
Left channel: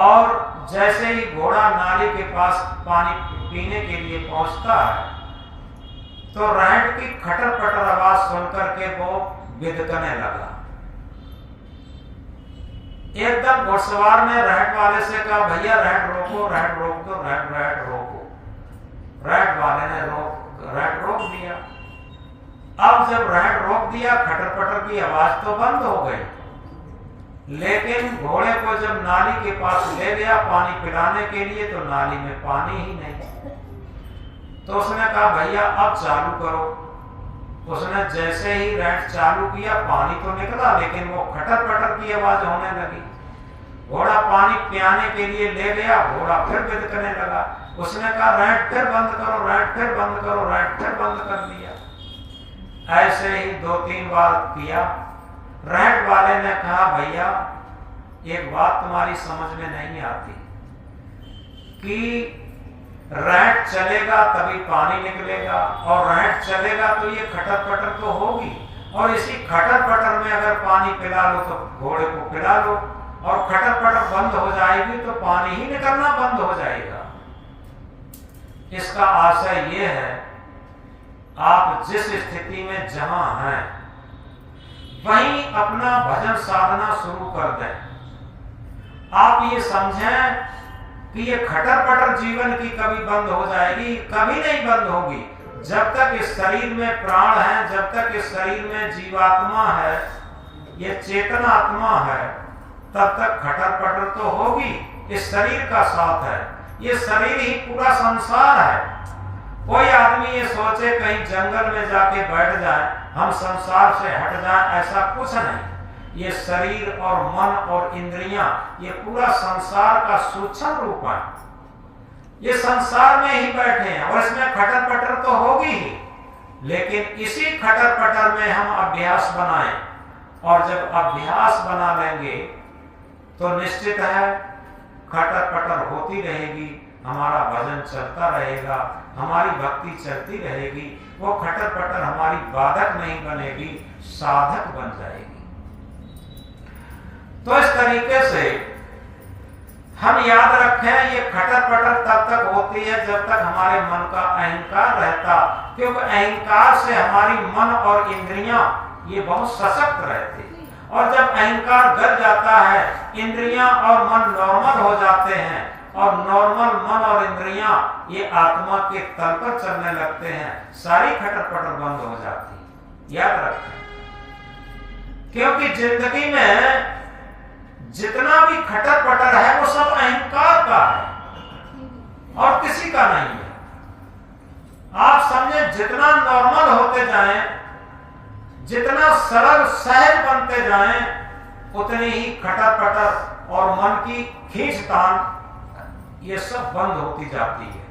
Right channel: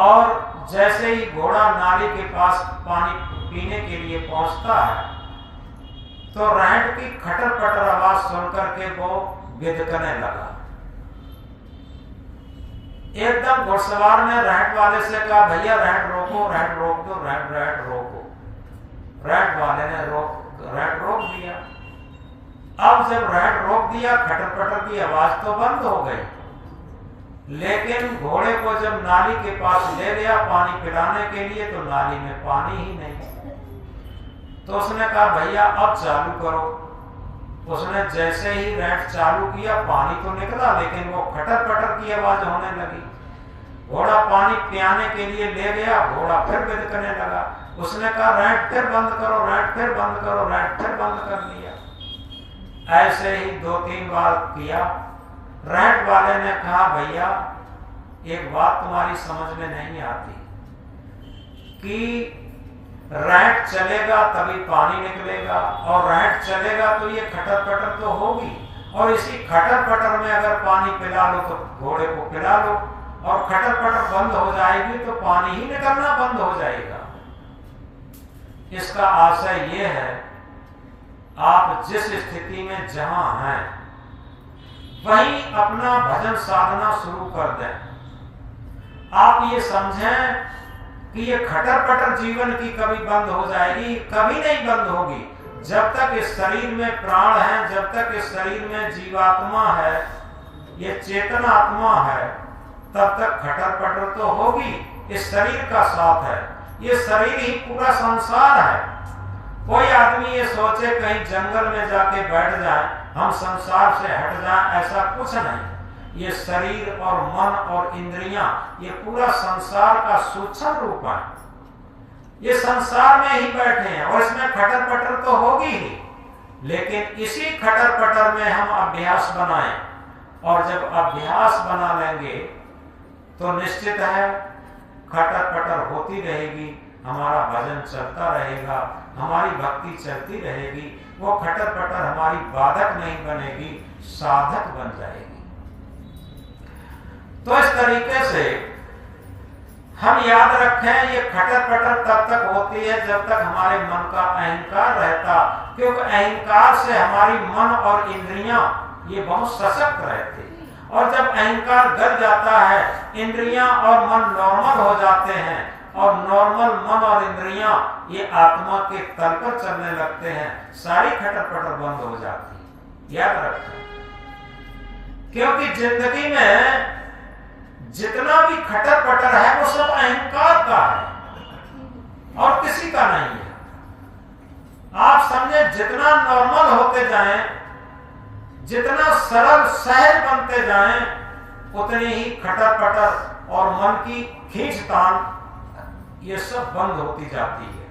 और जैसे ही घोड़ा नाली के पास पानी पीने के लिए पहुंचता है तो रहट की खटर पटर आवाज सुनकर के वो बिदकने लगा। एकदम घुड़सवार ने रहट वाले से कहा, भैया रहट रोको, रहट रोक दो, रहट रोको। रहट वाले ने रहट रोक दिया। अब जब रहट रोक दिया, खटर पटर की आवाज तो बंद हो गई, लेकिन घोड़े को जब नाली के पास ले गया पानी पिलाने के लिए तो नाली में पानी ही नहीं। तो उसने कहा, भैया अब चालू करो। उसने जैसे ही रहट चालू किया, पानी तो निकला लेकिन वो खटर पटर की आवाज होने लगी। घोड़ा पानी पियाने के लिए ले गया, घोड़ा फिर बिदकने लगा। उसने कहा, रहट फिर बंद करो, रहट फिर बंद करो, रहट फिर बंद कर दिया। ऐसे ही 2-3 बार किया। रहट वाले ने कहा, भैया एक बात तुम्हारी समझ में नहीं आती कि रहट चलेगा तभी पानी निकलेगा, और रहट चलेगा तो ये खटर पटर तो होगी, और इसी खटर पटर में अगर पानी पिला लो तो घोड़े को पिला लो, और खटर पटर बंद हो जाएगी तो पानी ही निकलना बंद हो जाएगा। इसका आशय ये है, आप जिस स्थिति में जहां हैं वहीं अपना भजन साधना शुरू कर दें। आप ये समझें कि ये खटर पटर जीवन की कभी बंद हो जाएगी, कभी नहीं बंद होगी। जब तक इस शरीर में प्राण है, जब तक इस शरीर में जीवात्मा है, ये चेतन आत्मा है, तब तक खटर पटर तो होगी। इस शरीर का साथ है, ये शरीर ही पूरा संसार है। कोई आदमी ये सोचे कहीं जंगल में जाके बैठ जाए, हम संसार से हट जाए, ऐसा कुछ नहीं। ये शरीर और मन और इंद्रियां, ये पूरा संसार का सूक्ष्म रूप है। ये संसार में ही बैठे हैं और इसमें खटर पटर तो होगी ही, लेकिन इसी खटर पटर में हम अभ्यास बनाएं, और जब अभ्यास बना लेंगे तो निश्चित है खटर पटर होती रहेगी, हमारा भजन चलता रहेगा, हमारी भक्ति चलती रहेगी। वो खटर पटर हमारी बाधक नहीं बनेगी, साधक बन जाएगी। तो इस तरीके से हम याद रखें, ये खटर पटर तब तक होती है जब तक हमारे मन का अहंकार रहता, क्योंकि अहंकार से हमारी मन और इंद्रियां ये बहुत सशक्त रहती। और जब अहंकार गिर जाता है, इंद्रियां और मन नॉर्मल हो जाते हैं, और नॉर्मल मन और इंद्रियां ये आत्मा के तल पर चलने लगते हैं, सारी खटर पटर बंद हो जाती। याद रखें, क्योंकि जिंदगी में जितना भी खटर पटर है वो सब अहंकार का है और किसी का नहीं है। आप समझे, जितना नॉर्मल होते जाएं, जितना सरल सहज बनते जाएं, उतनी ही खटर पटर और मन की खींचतान ये सब बंद होती जाती है।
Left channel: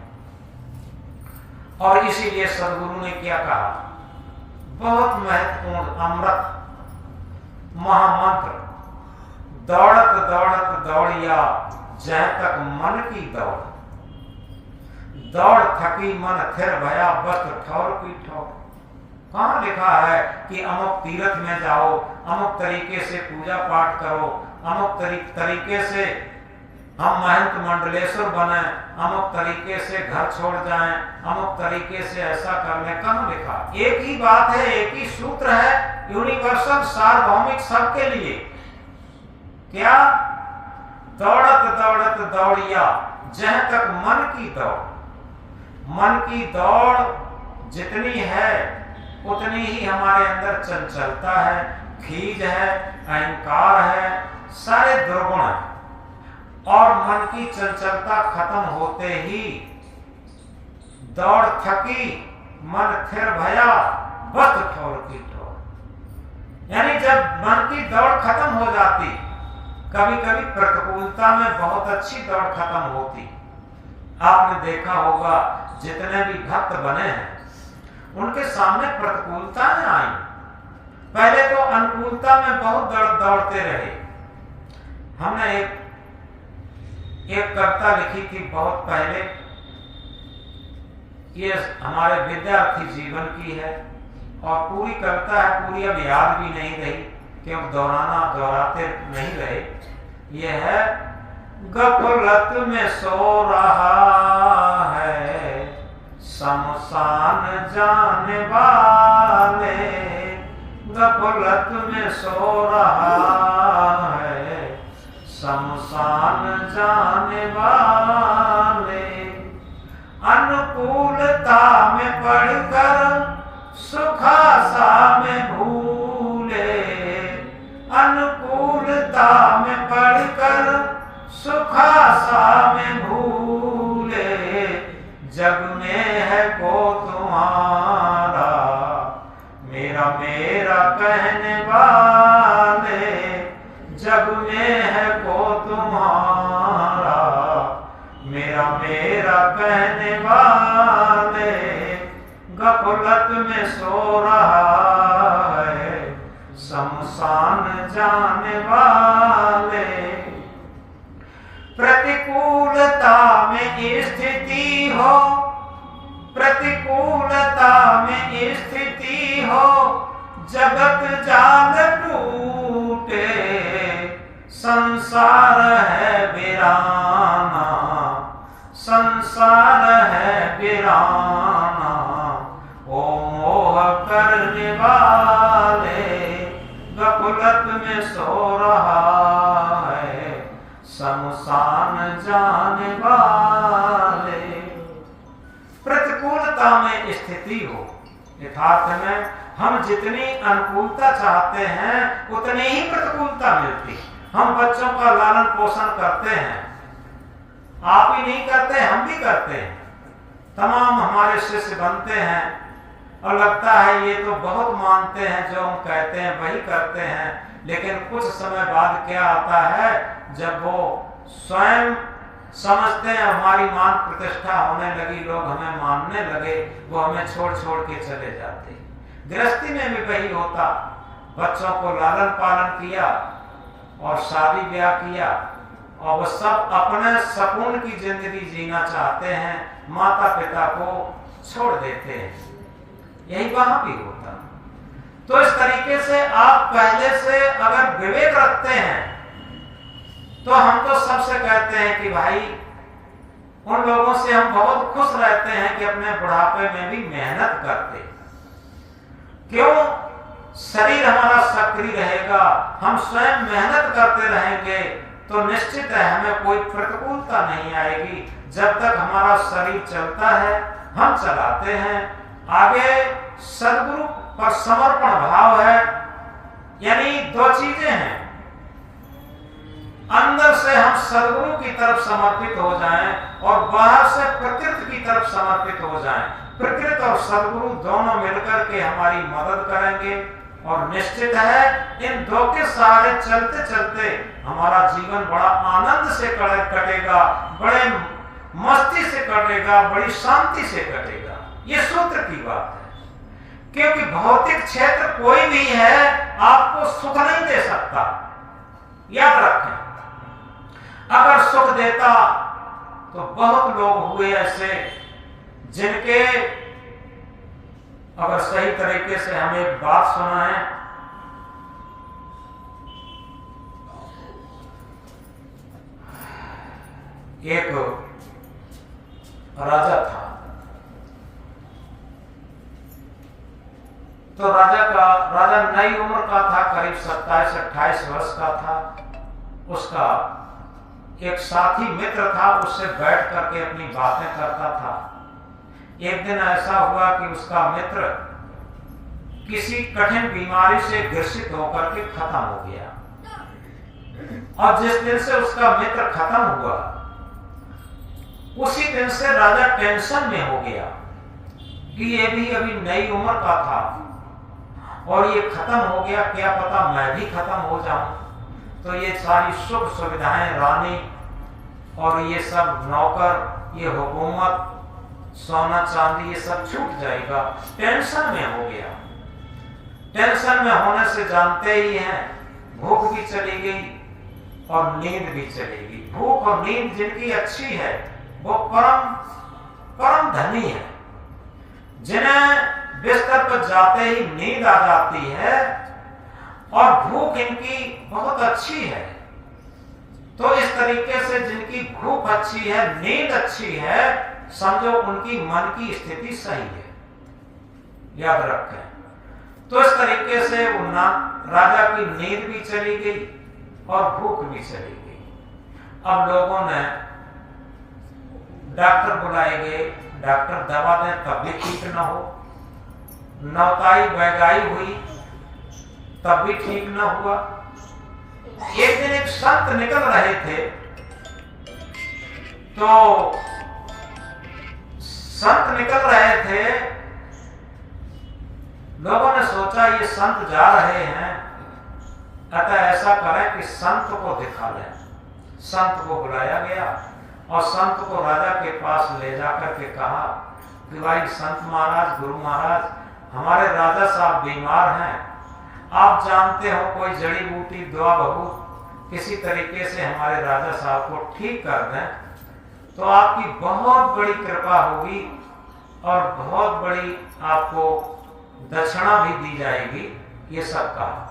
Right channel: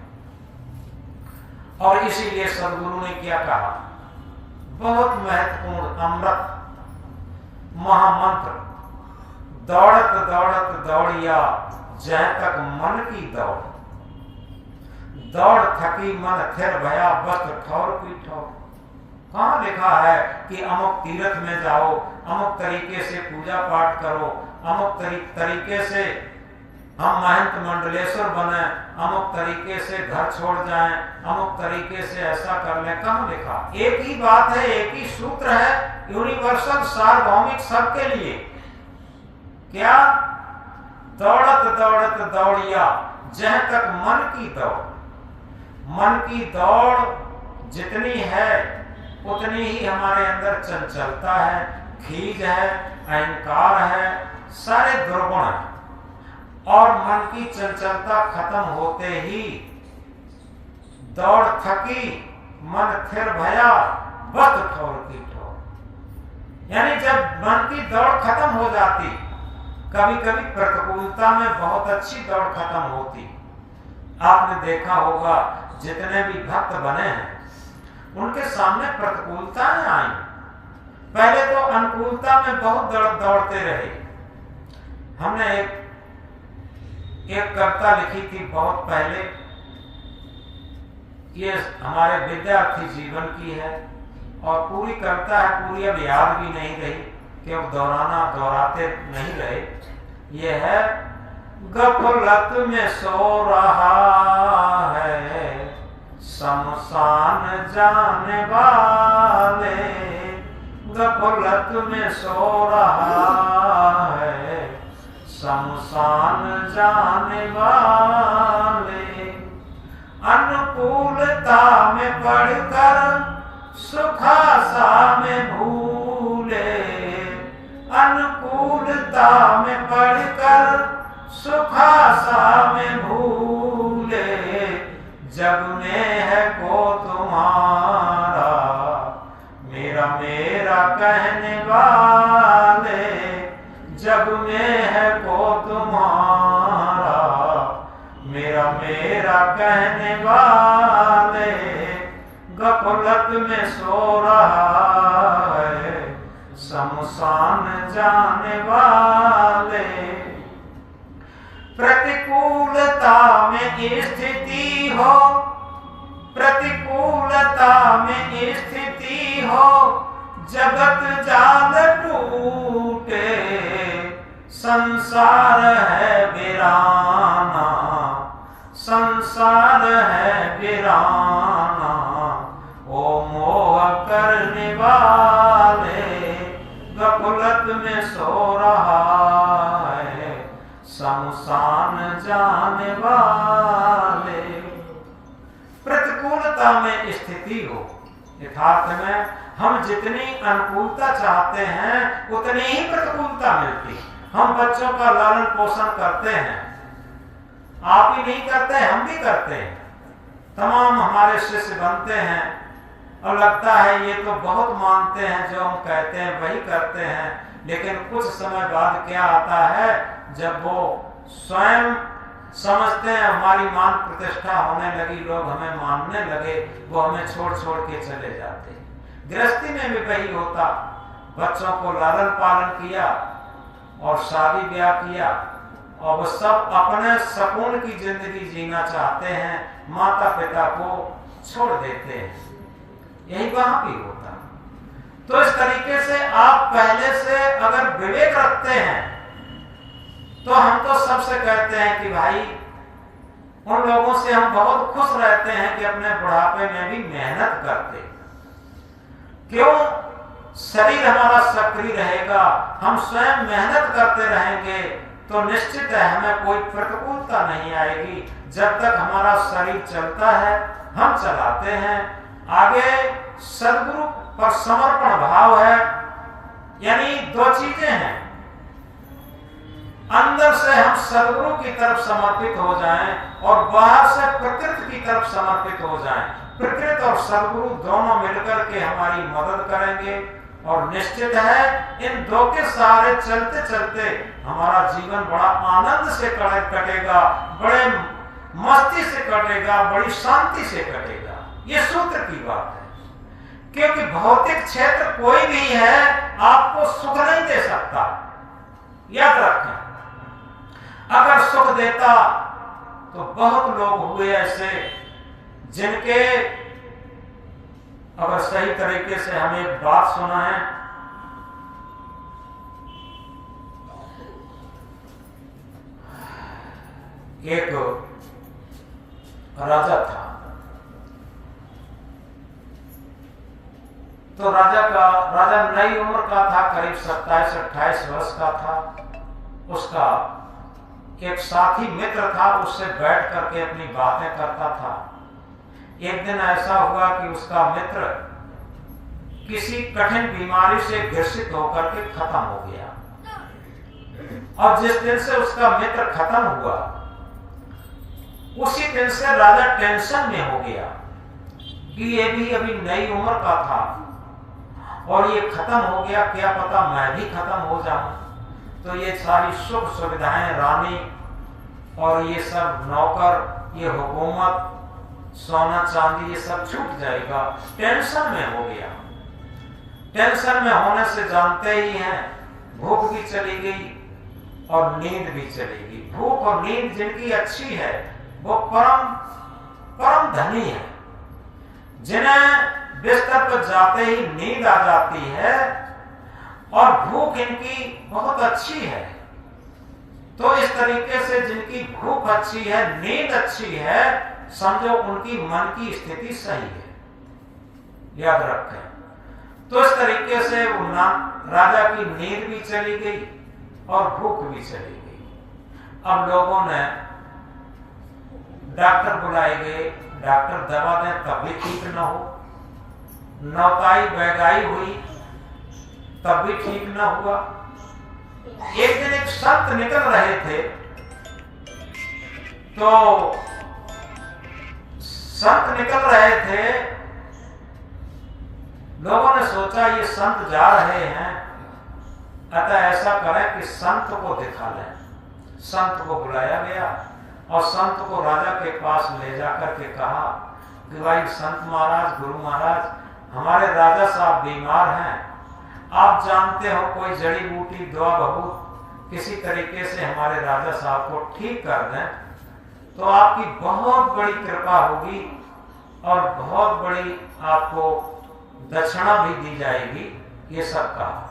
और इसीलिए सदगुरु ने क्या कहा, बहुत महत्वपूर्ण अमृत महामंत्र, दौड़त दौड़त दौड़िया जह तक मन की दौड़, दौड़ थकी मन थिर भया बस ठौर की ठौर। कहां लिखा है कि अमुक तीर्थ में जाओ, अमुक तरीके से पूजा पाठ करो, अमुक तरीके से हम महंत मंडलेश्वर बने, अमुक तरीके से घर छोड़ जाएं, अमुक तरीके से ऐसा कर लें? कहां लिखा? एक ही बात है, एक ही सूत्र है, यूनिवर्सल सार्वभौमिक सबके लिए। क्या? दौड़त दौड़त दौड़िया जह तक मन की दौड़। मन की दौड़ जितनी है उतनी ही हमारे अंदर चंचलता है, खीज है, अहंकार है, सारे दुर्गुण है। और मन की चंचलता खत्म होते ही दौड़ थकी मन थिर भया बस ठौर की ठौर। यानी जब मन की दौड़ खत्म हो जाती, कभी कभी प्रतिकूलता में बहुत अच्छी दौड़ खत्म होती। आपने देखा होगा जितने भी भक्त बने हैं उनके सामने प्रतिकूलताएं आई, पहले तो अनुकूलता में बहुत दौड़ते रहे। हमने एक कविता लिखी थी बहुत पहले, ये हमारे विद्यार्थी जीवन की है और पूरी कविता है, पूरी अब याद भी नहीं रही क्योंकि दोहराते नहीं रहे। ये है, गफलत में सो रहा है शमशान जाने वाले, गफलत में सो रहा है शमशान जाने वाले। अनुकूलता में पढ़कर सुखासा में भूले, अनुकूलता में पढ़कर सुखासा में भूले। जग में है को तुम्हारा मेरा मेरा कहने वाले, जग में है को तुम्हारा मेरा मेरा कहने वाले। गफलत में सो रहा है शमशान जाने वाले। प्रतिकूलता में स्थिति हो, प्रतिकूलता में स्थिति हो, जगत जाल टूटे, संसार है वीराना, संसार है वीराना। ओ मोह करने वाले, गफलत में सो रहा है शमशान जाने वाले। प्रतिकूलता में स्थिति हो, यथार्थ में हम जितनी अनुकूलता चाहते हैं उतनी ही प्रतिकूलता मिलती। हम बच्चों का लालन पोषण करते हैं, आप ही नहीं करते, हम भी करते हैं। तमाम हमारे शिष्य बनते हैं और लगता है ये तो बहुत मानते हैं, जो हम कहते हैं वही करते हैं। लेकिन कुछ समय बाद क्या आता है, जब वो स्वयं समझते हैं हमारी मान प्रतिष्ठा होने लगी, लोग हमें मानने लगे, वो हमें छोड़ छोड़ के चले जाते। गृहस्थी में भी वही होता, बच्चों को लालन पालन किया और शादी ब्याह किया और वो सब अपने सुकून की जिंदगी जीना चाहते हैं, माता पिता को छोड़ देते हैं। यही वहां भी होता। तो इस तरीके से आप पहले से अगर विवेक रखते हैं तो हम तो सबसे कहते हैं कि भाई उन लोगों से हम बहुत खुश रहते हैं कि अपने बुढ़ापे में भी मेहनत करते। क्यों? शरीर हमारा सक्रिय रहेगा, हम स्वयं मेहनत करते रहेंगे तो निश्चित है हमें कोई प्रतिकूलता नहीं आएगी। जब तक हमारा शरीर चलता है हम चलाते हैं। आगे सद्गुरु पर समर्पण भाव है, यानी दो चीजें हैं, अंदर से हम सद्गुरु की तरफ समर्पित हो जाएं और बाहर से प्रकृति की तरफ समर्पित हो जाएं। प्रकृति और सद्गुरु दोनों मिलकर के हमारी मदद करेंगे और निश्चित है इन दो के सहारे चलते चलते हमारा जीवन बड़ा आनंद से कटेगा, बड़े मस्ती से कटेगा, बड़ी शांति से कटेगा। ये सूत्र की बात है। क्योंकि भौतिक क्षेत्र कोई भी है आपको सुख नहीं दे सकता, याद रखें। अगर सुख देता तो बहुत लोग हुए ऐसे जिनके, अगर सही तरीके से हम एक बात सुना है, एक राजा था, तो राजा नई उम्र का था, करीब 27-28 वर्ष का था। उसका एक साथी मित्र था, उससे बैठ करके अपनी बातें करता था। एक दिन ऐसा हुआ कि उसका मित्र किसी कठिन बीमारी से ग्रसित होकर के खत्म हो गया। और जिस दिन से उसका मित्र खत्म हुआ उसी दिन से राजा टेंशन में हो गया कि ये भी अभी नई उम्र का था और ये खत्म हो गया, क्या पता मैं भी खत्म हो जाऊं। तो ये सारी सुख सुविधाएं, रानी और ये सब नौकर, ये हुकूमत, सोना चांदी, ये सब छूट जाएगा। टेंशन में हो गया। टेंशन में होने से जानते ही हैं, भूख भी चली गई और नींद भी चली गई। भूख और नींद जिनकी अच्छी है वो परम धनी है। जिन्हें बिस्तर पर जाते ही नींद आ जाती है और भूख इनकी बहुत अच्छी है। तो इस तरीके से जिनकी भूख अच्छी है, नींद अच्छी है, समझो उनकी मन की स्थिति सही है, याद रखें। तो इस तरीके से वो राजा की नींद भी चली गई और भूख भी चली गई। अब लोगों ने डॉक्टर बुलाए गए, डॉक्टर दवा दें तब भी ठीक न हो, नौताई बैगाई हुई तब भी ठीक न हुआ। एक दिन एक संत निकल रहे थे, तो संत निकल रहे थे, लोगों ने सोचा ये संत जा रहे हैं, अतः ऐसा करें कि संत को दिखा लें। संत को बुलाया गया और संत को राजा के पास ले जाकर के कहा कि भाई संत महाराज, गुरु महाराज, हमारे राजा साहब बीमार हैं, आप जानते हो कोई जड़ी बूटी दुआ बहुत किसी तरीके से हमारे राजा साहब को ठीक कर दें तो आपकी बहुत बड़ी कृपा होगी और बहुत बड़ी आपको दक्षिणा भी दी जाएगी। ये सब कहा।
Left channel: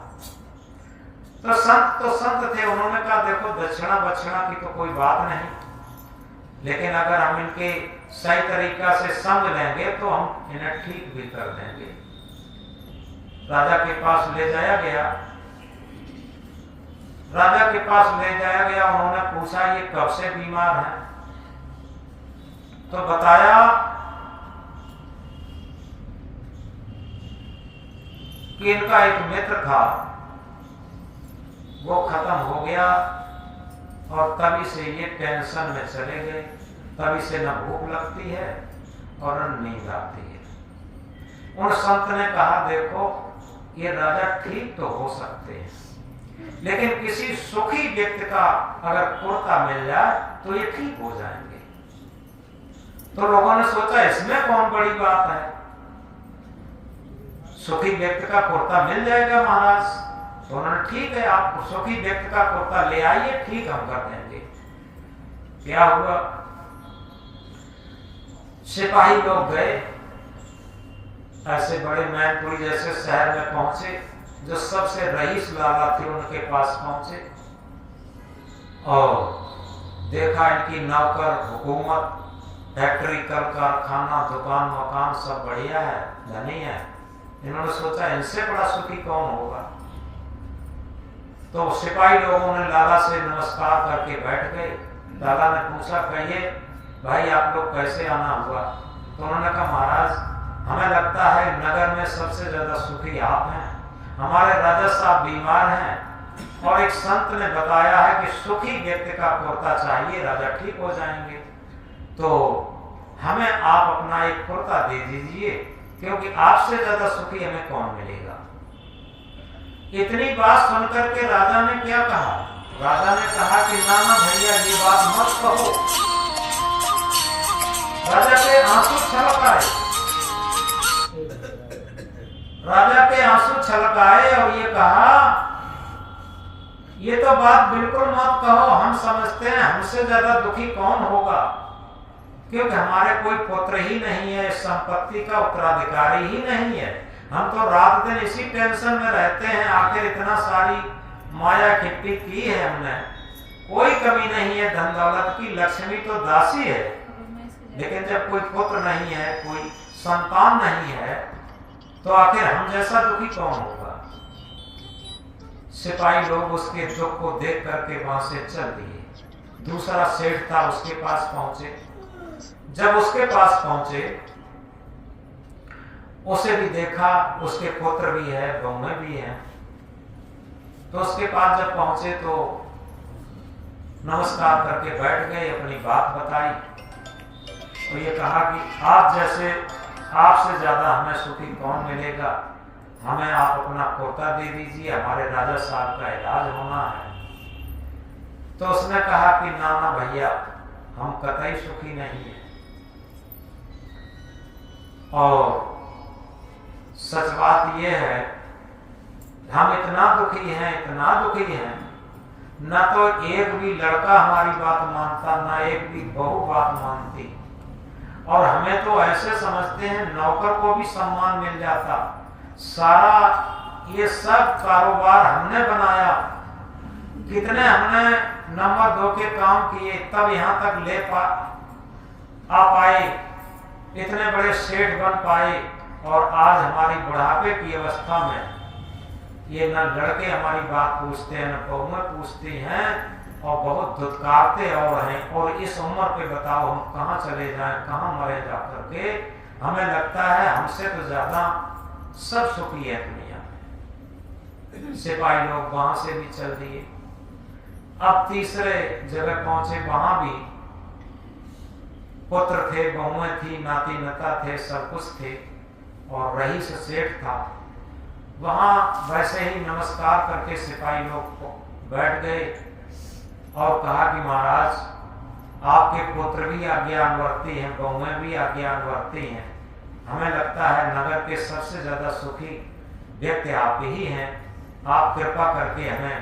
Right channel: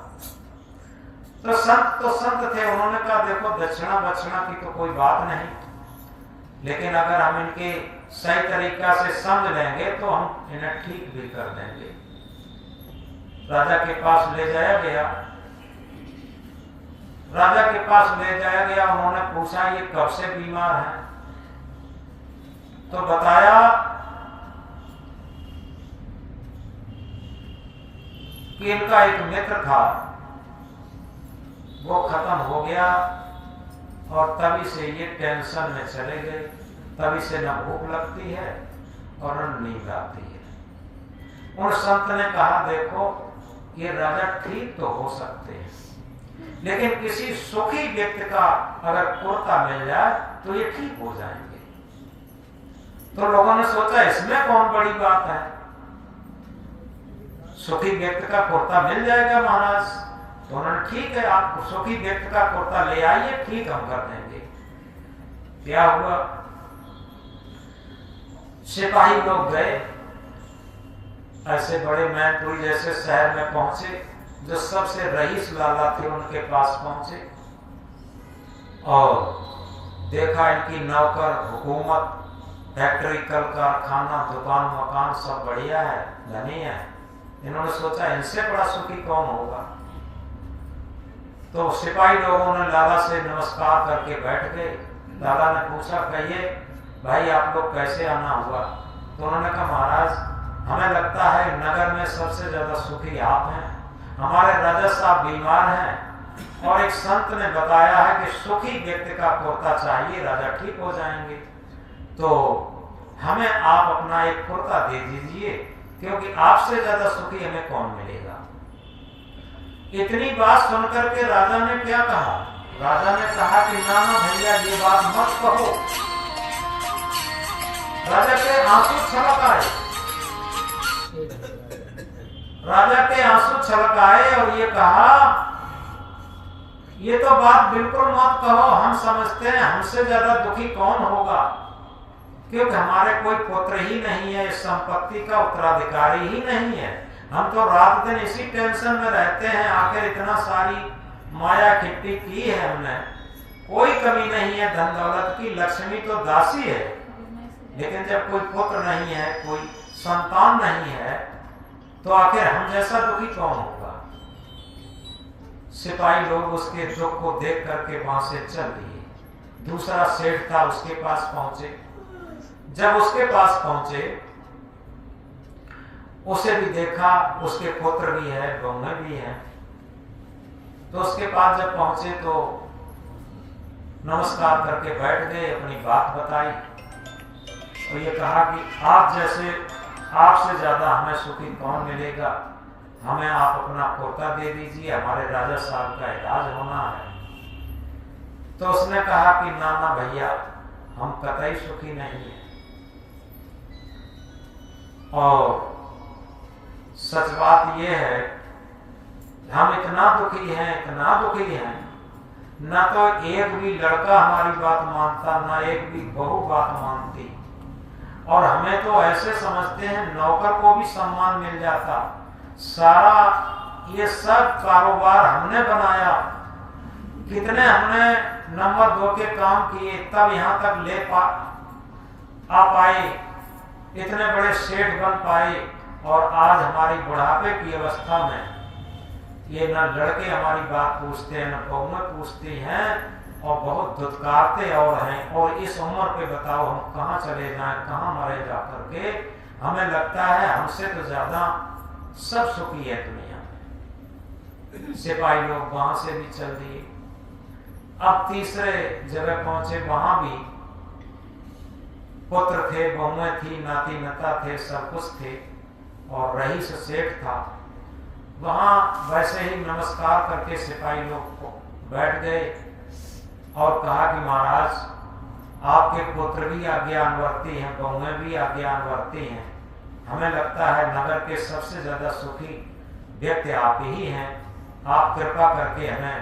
तो संत थे, उन्होंने कहा देखो दक्षिणा की तो कोई बात नहीं, लेकिन अगर हम इनके सही तरीका से समझ लेंगे तो हम इन्हें ठीक भी कर देंगे। राजा के पास ले जाया गया। राजा के पास ले जाया गया। उन्होंने पूछा ये कब से बीमार है? तो बताया कि इनका एक मित्र था, वो खत्म हो गया और तभी से ये टेंशन में चले गए। तभी से न भूख लगती है और न नींद आती है। उन संत ने कहा देखो ये राजा ठीक तो हो सकते हैं, लेकिन किसी सुखी व्यक्ति का अगर कुर्ता मिल जाए तो ये ठीक हो जाएंगे। तो लोगों ने सोचा इसमें कौन बड़ी बात है, सुखी व्यक्ति का कुर्ता मिल जाएगा महाराज। तो उन्होंने ठीक है आप सुखी व्यक्ति का कुर्ता ले आइए, ठीक हम कर देंगे। क्या हुआ, सिपाही लोग गए, ऐसे बड़े मैनपुरी जैसे शहर में पहुंचे, जो सबसे रईस लाला थे उनके पास पहुंचे और देखा इनकी नौकर हुकूमत, फैक्ट्री, कल कारखाना, दुकान मकान सब बढ़िया है, धनी है। इन्होंने सोचा इनसे बड़ा सुखी कौन होगा। तो सिपाही लोगों ने लाला से नमस्कार करके बैठ गए। लाला ने पूछा कहिए भाई आप लोग कैसे आना हुआ? तो उन्होंने कहा महाराज हमें लगता है नगर में सबसे ज्यादा सुखी आप हैं, हमारे राजा साहब बीमार हैं और एक संत ने बताया है कि सुखी व्यक्ति का कुर्ता चाहिए, राजा ठीक हो जाएंगे। तो हमें आप अपना एक कुर्ता दे दीजिए, क्योंकि आपसे ज्यादा सुखी हमें कौन मिलेगा। इतनी बात सुनकर के राजा ने क्या कहा? राजा ने कहा कि नाना भैया ये बात मत कहो। राजा के आंसू छलक आए, राजा के आंसू छलक आए और ये कहा ये तो बात बिल्कुल मत कहो, हम समझते हैं हमसे ज्यादा दुखी कौन होगा, क्योंकि हमारे कोई पुत्र ही नहीं है, संपत्ति का उत्तराधिकारी ही नहीं है। हम तो रात दिन इसी टेंशन में रहते हैं, आखिर इतना सारी माया इकट्ठी की है हमने, कोई कमी नहीं है धन दौलत की, लक्ष्मी तो दासी है, लेकिन जब कोई पुत्र नहीं है, कोई संतान नहीं है, तो आखिर हम जैसा दुखी कौन होगा। सिपाही लोग उसके दुख को देख करके वहां से चल दिए। दूसरा सेठ था, उसके पास पहुंचे। जब उसके पास पहुंचे, उसे भी देखा, उसके पुत्र भी है, बहुएं भी हैं। तो उसके पास जब पहुंचे तो नमस्कार करके बैठ गए, अपनी बात बताई और ये कहा कि आप जैसे, आपसे ज्यादा हमें सुखी कौन मिलेगा, हमें आप अपना कुर्ता दे दीजिए, हमारे राजा साहब का इलाज होना है। तो उसने कहा कि नाना भैया हम कतई सुखी नहीं है, और सच बात यह है हम इतना दुखी हैं, इतना दुखी हैं, न तो एक भी लड़का हमारी बात मानता, ना एक भी बहू बात मानती, और हमें तो ऐसे समझते हैं नौकर को भी सम्मान मिल जाता। सारा ये सब कारोबार हमने बनाया, कितने हमने नंबर 2 के काम किए, तब यहाँ तक आ पाए, इतने बड़े सेठ बन पाए, और आज हमारी बुढ़ापे की अवस्था में ये न लड़के हमारी बात पूछते हैं, न बहुएं पूछती हैं, और बहुत दुत्कारते और हैं। और इस उम्र पे बताओ हम कहाँ चले जाएं, कहाँ मरे जा करके। हमें लगता है हमसे तो ज्यादा सब सुखी है दुनिया में। सिपाही लोग वहां से भी चल दिए। अब तीसरे जगह पहुंचे, वहां भी पुत्र थे, बहुएं थी, नाती नता थे, सब कुछ थे, और रईस सेठ था। वहां वैसे ही नमस्कार करके सिपाही लोग बैठ गए और कहा कि महाराज आपके पुत्र भी आज्ञानुवर्ती हैं, बहुएं भी आज्ञानुवर्ती हैं, हमें लगता है नगर के सबसे ज्यादा सुखी व्यक्ति आप ही हैं, आप कृपा करके हमें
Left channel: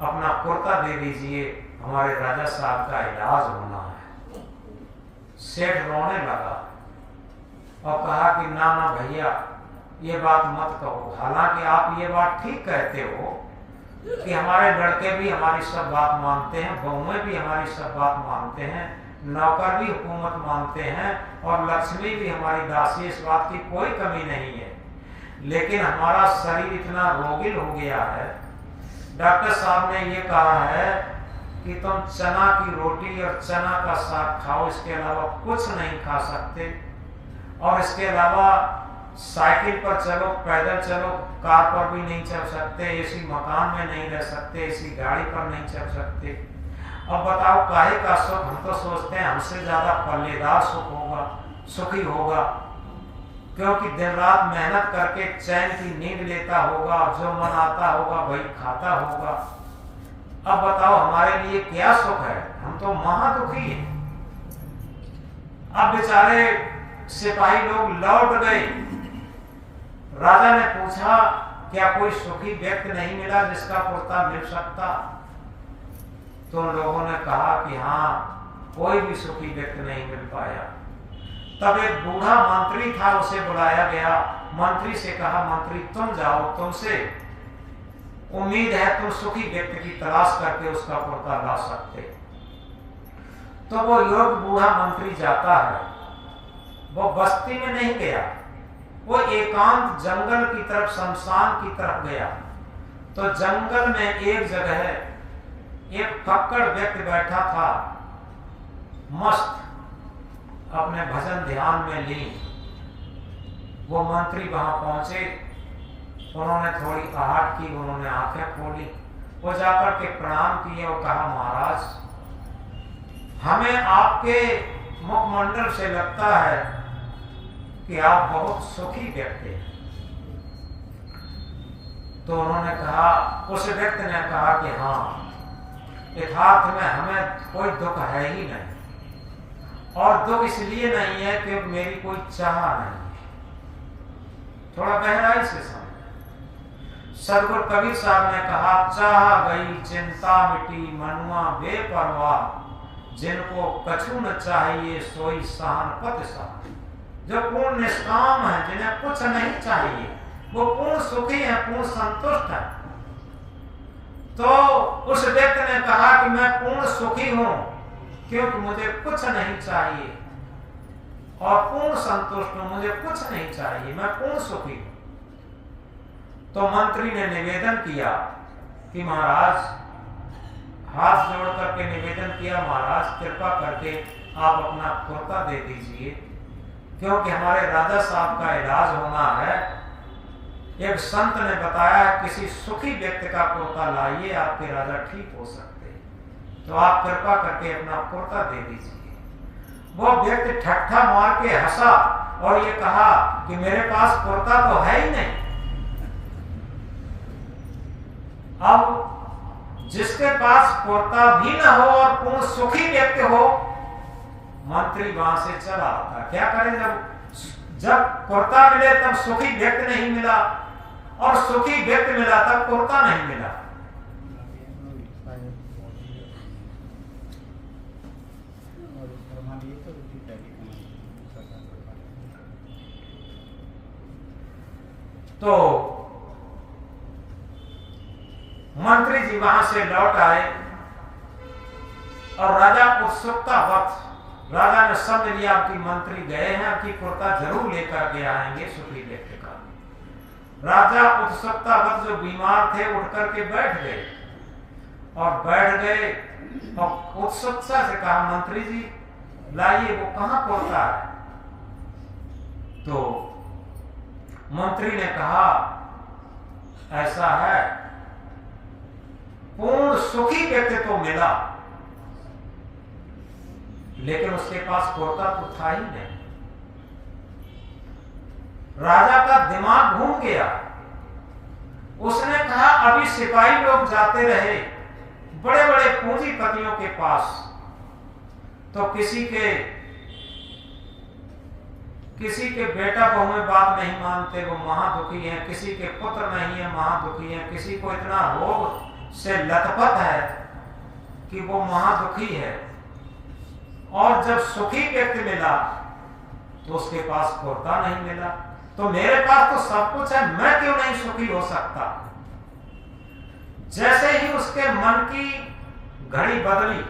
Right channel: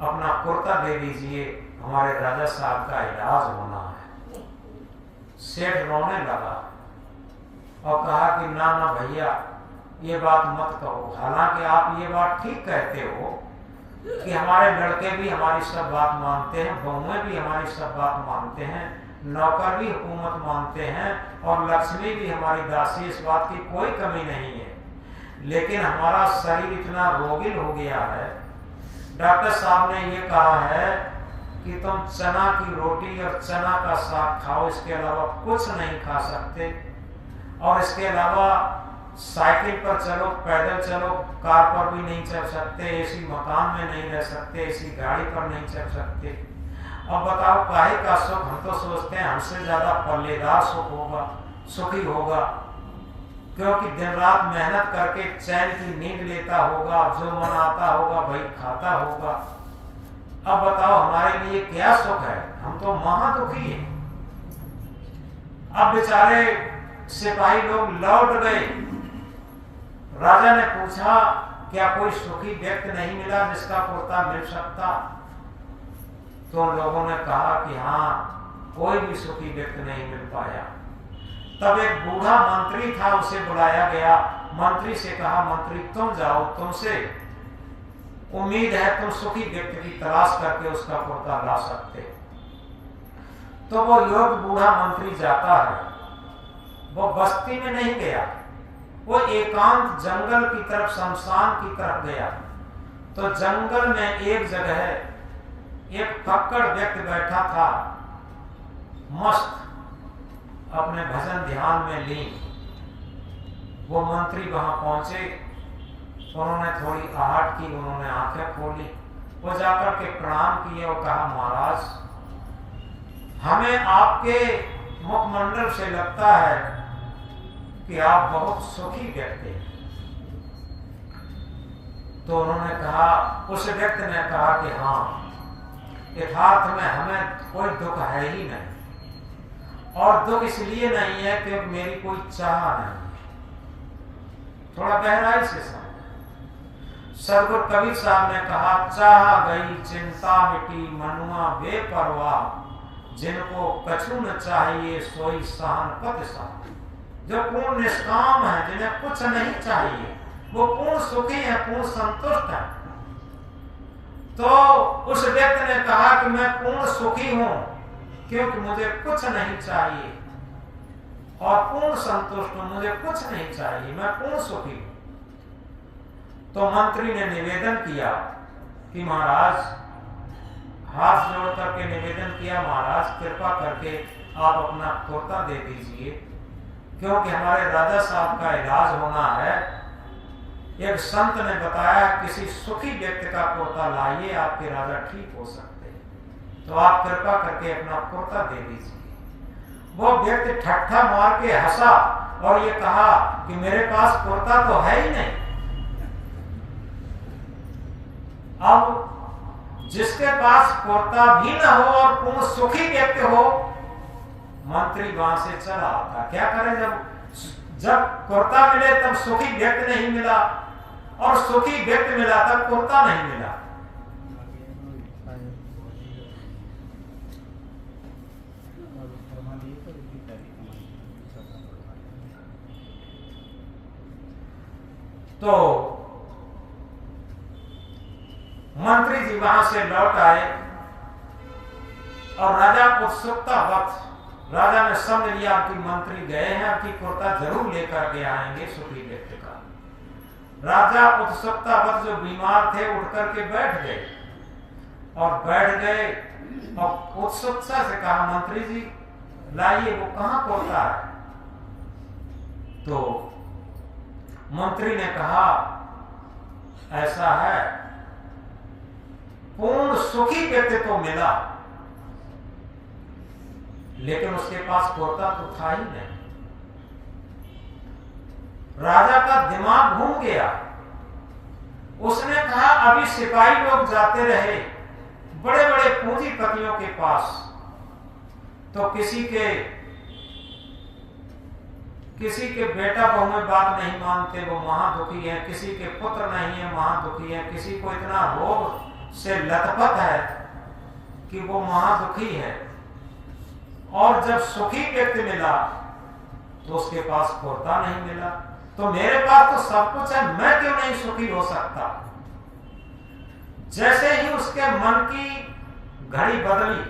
अपना कुर्ता दे दीजिए, हमारे राजा साहब का इलाज होना है। सेठ रोने लगा और कहा कि ना ना भैया ये बात मत कहो, हालांकि आप ये बात ठीक कहते हो कि हमारे लड़के भी हमारी सब बात मानते हैं, बहुएं भी हमारी सब बात मानते हैं, नौकर भी हुकूमत मानते हैं, और लक्ष्मी भी हमारी दासी, इस बात की कोई कमी नहीं है, लेकिन हमारा शरीर इतना रोगिल हो गया है डॉक्टर साहब ने ये कहा है कि तुम चना की रोटी और चना का साग खाओ, इसके अलावा कुछ नहीं खा सकते। और इसके अलावा साइकिल पर चलो, पैदल चलो, कार पर भी नहीं चल सकते, एसी मकान में नहीं रह सकते, एसी गाड़ी पर नहीं चल सकते। अब बताओ काहे का सुख? हम तो सोचते हैं हमसे ज्यादा पल्लेदार सुख होगा, सुखी होगा, क्योंकि दिन रात मेहनत करके चैन की नींद लेता होगा, जो मन आता होगा वही खाता होगा। अब बताओ हमारे लिए क्या सुख है? हम तो महादुखी हैं। अब बेचारे सिपाही लोग लौट गए। राजा ने पूछा क्या कोई सुखी व्यक्ति नहीं मिला जिसका कुर्ता मिल सकता? तो उन लोगों ने कहा कि हाँ, कोई भी सुखी व्यक्ति नहीं मिल पाया। तब एक बूढ़ा मंत्री था, उसे बुलाया गया। मंत्री से कहा, मंत्री तुम जाओ, तुमसे उम्मीद है तुम सुखी व्यक्ति की तलाश करके उसका कुर्ता ला सकते। तो वो योग्य बूढ़ा मंत्री जाता है। वो बस्ती में नहीं गया, वो एकांत जंगल की तरफ, शमशान की तरफ गया। तो जंगल में एक जगह एक फक्कड़ व्यक्ति बैठा था, मस्त अपने भजन ध्यान में लीन। वो मंत्री वहां पहुंचे, उन्होंने थोड़ी आहट की, उन्होंने आंखें खोली, वो जाकर के प्रणाम किए और कहा, महाराज हमें आपके मुखमंडल से लगता है कि आप बहुत सुखी व्यक्ति हैं। तो उन्होंने कहा, उस व्यक्ति ने कहा कि हाँ, यथार्थ में हमें कोई दुख है ही नहीं, और दुख इसलिए नहीं है क्योंकि मेरी कोई चाह नहीं। थोड़ा गहराई से समझ। सदगुरु कबीर साहब ने कहा, चाह गई चिंता मिटी मनुआ बेपरवाह, जिनको कछु न चाहिए सोई सहन पत सा। जो पूर्ण निष्काम है, जिन्हें कुछ नहीं चाहिए, वो पूर्ण सुखी है, पूर्ण संतुष्ट है। तो उस व्यक्ति ने कहा कि मैं पूर्ण सुखी हूं क्योंकि मुझे कुछ नहीं चाहिए, और पूर्ण संतुष्ट हूं, मुझे कुछ नहीं चाहिए, मैं पूर्ण सुखी हूं। तो मंत्री ने निवेदन किया कि महाराज, हाथ जोड़ करके निवेदन किया, महाराज कृपा करके आप अपना कुर्ता दे दीजिए, क्योंकि हमारे राजा साहब का इलाज होना है। एक संत ने बताया किसी सुखी व्यक्ति का कुर्ता लाइए, आपके राजा ठीक हो सकते हैं, तो आप कृपा करके अपना कुर्ता दे दीजिए। वो व्यक्ति ठट्ठा मार के हंसा और ये कहा कि मेरे पास कुर्ता तो है ही नहीं। अब जिसके पास कुर्ता भी न हो और पूर्ण सुखी व्यक्ति हो, मंत्री वहां से चला आता। क्या करें? जब कुर्ता मिले तब सुखी व्यक्ति नहीं मिला, और सुखी व्यक्ति मिला तब कुर्ता नहीं मिला। तो मंत्री जी वहां से लौट आए और राजा उत्सुकता वक्त, राजा ने समझ लिया कि मंत्री गए हैं, कि कुर्ता जरूर लेकर के आएंगे सुखी व्यक्ति का। राजा उत्सुकता वक्त जो बीमार थे उठ करके बैठ गए, और बैठ गए और उत्सुकता से कहा, मंत्री जी लाइए, वो कहां कुर्ता है? तो मंत्री ने कहा, ऐसा है, पूर्ण सुखी व्यक्ति तो मिला, लेकिन उसके पास कुर्ता तो था ही नहीं। राजा का दिमाग घूम गया। उसने कहा, अभी सिपाही लोग जाते रहे बड़े बड़े पूंजीपतियों के पास, तो किसी के बेटा बहू में बात नहीं मानते, वो महादुखी है। किसी के पुत्र नहीं है, महादुखी है। किसी को इतना रोग से लथपथ है कि वो महादुखी है। और जब सुखी व्यक्ति मिला तो उसके पास कुर्ता नहीं मिला। तो मेरे पास तो सब कुछ है, मैं क्यों नहीं सुखी हो सकता? जैसे ही उसके मन की घड़ी बदली,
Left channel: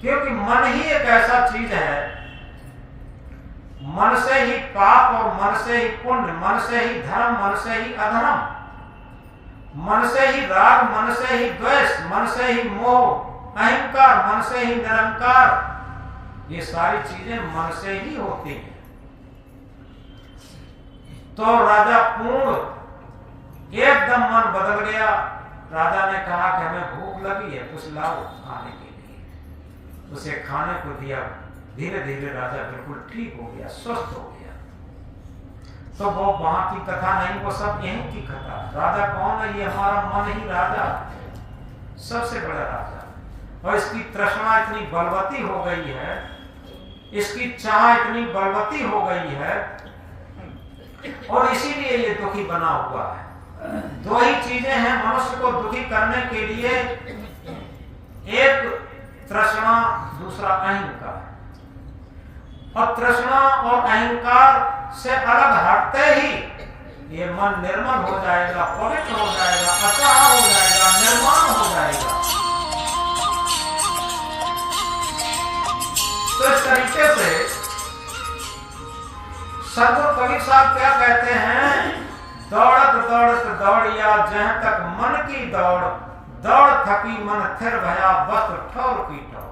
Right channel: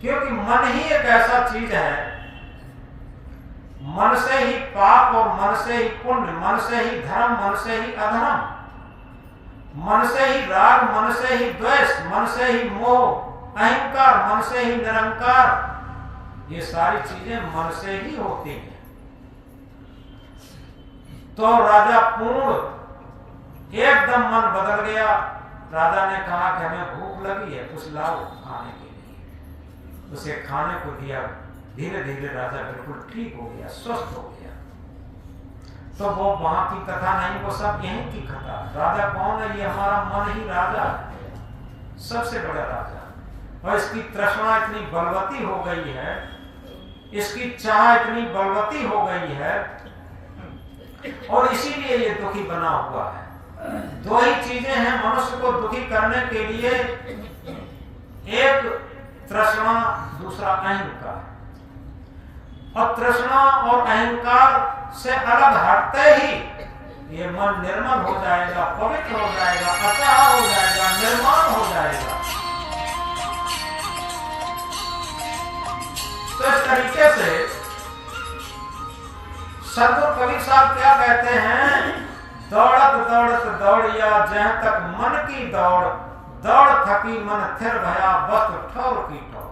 क्योंकि मन ही एक ऐसा चीज है, मन से ही पाप और मन से ही पुण्य, मन से ही धर्म, मन से ही अधर्म। मन से ही राग, मन से ही द्वेष, मन से ही मोह, अहंकार, मन से ही निरंकार, ये सारी चीजें मन से ही होती हैं। तो राजा पूर्ण एकदम मन बदल गया। राजा ने कहा कि हमें भूख लगी है, कुछ लाओ खाने के लिए। उसे खाने को दिया। धीरे धीरे राजा बिल्कुल ठीक हो गया, स्वस्थ हो गया। तो वो वहां की कथा नहीं, वो सब यहीं की कथा। राजा कौन है? ये हमारा मन ही राजा है, सबसे बड़ा राजा। और इसकी तृष्णा इतनी बलवती हो गई है, इसकी चाह इतनी बलवती हो गई है, और इसीलिए ये दुखी बना हुआ है। दो ही चीजें हैं मनुष्य को दुखी करने के लिए, एक तृष्णा, दूसरा अहंकार। और तृष्णा और अहंकार से अलग हटते ही ये मन निर्मल हो जाएगा, पवित्र हो जाएगा, अचाह हो जाएगा, निर्माण हो जाएगा। तो इस तरीके से सदगुरु कबीर साहब क्या कहते हैं? दौड़त दौड़त दौड़िया जहां तक मन की दौड़, दौड़ थकी मन थिर भया वस्त्र ठौर की ठौर।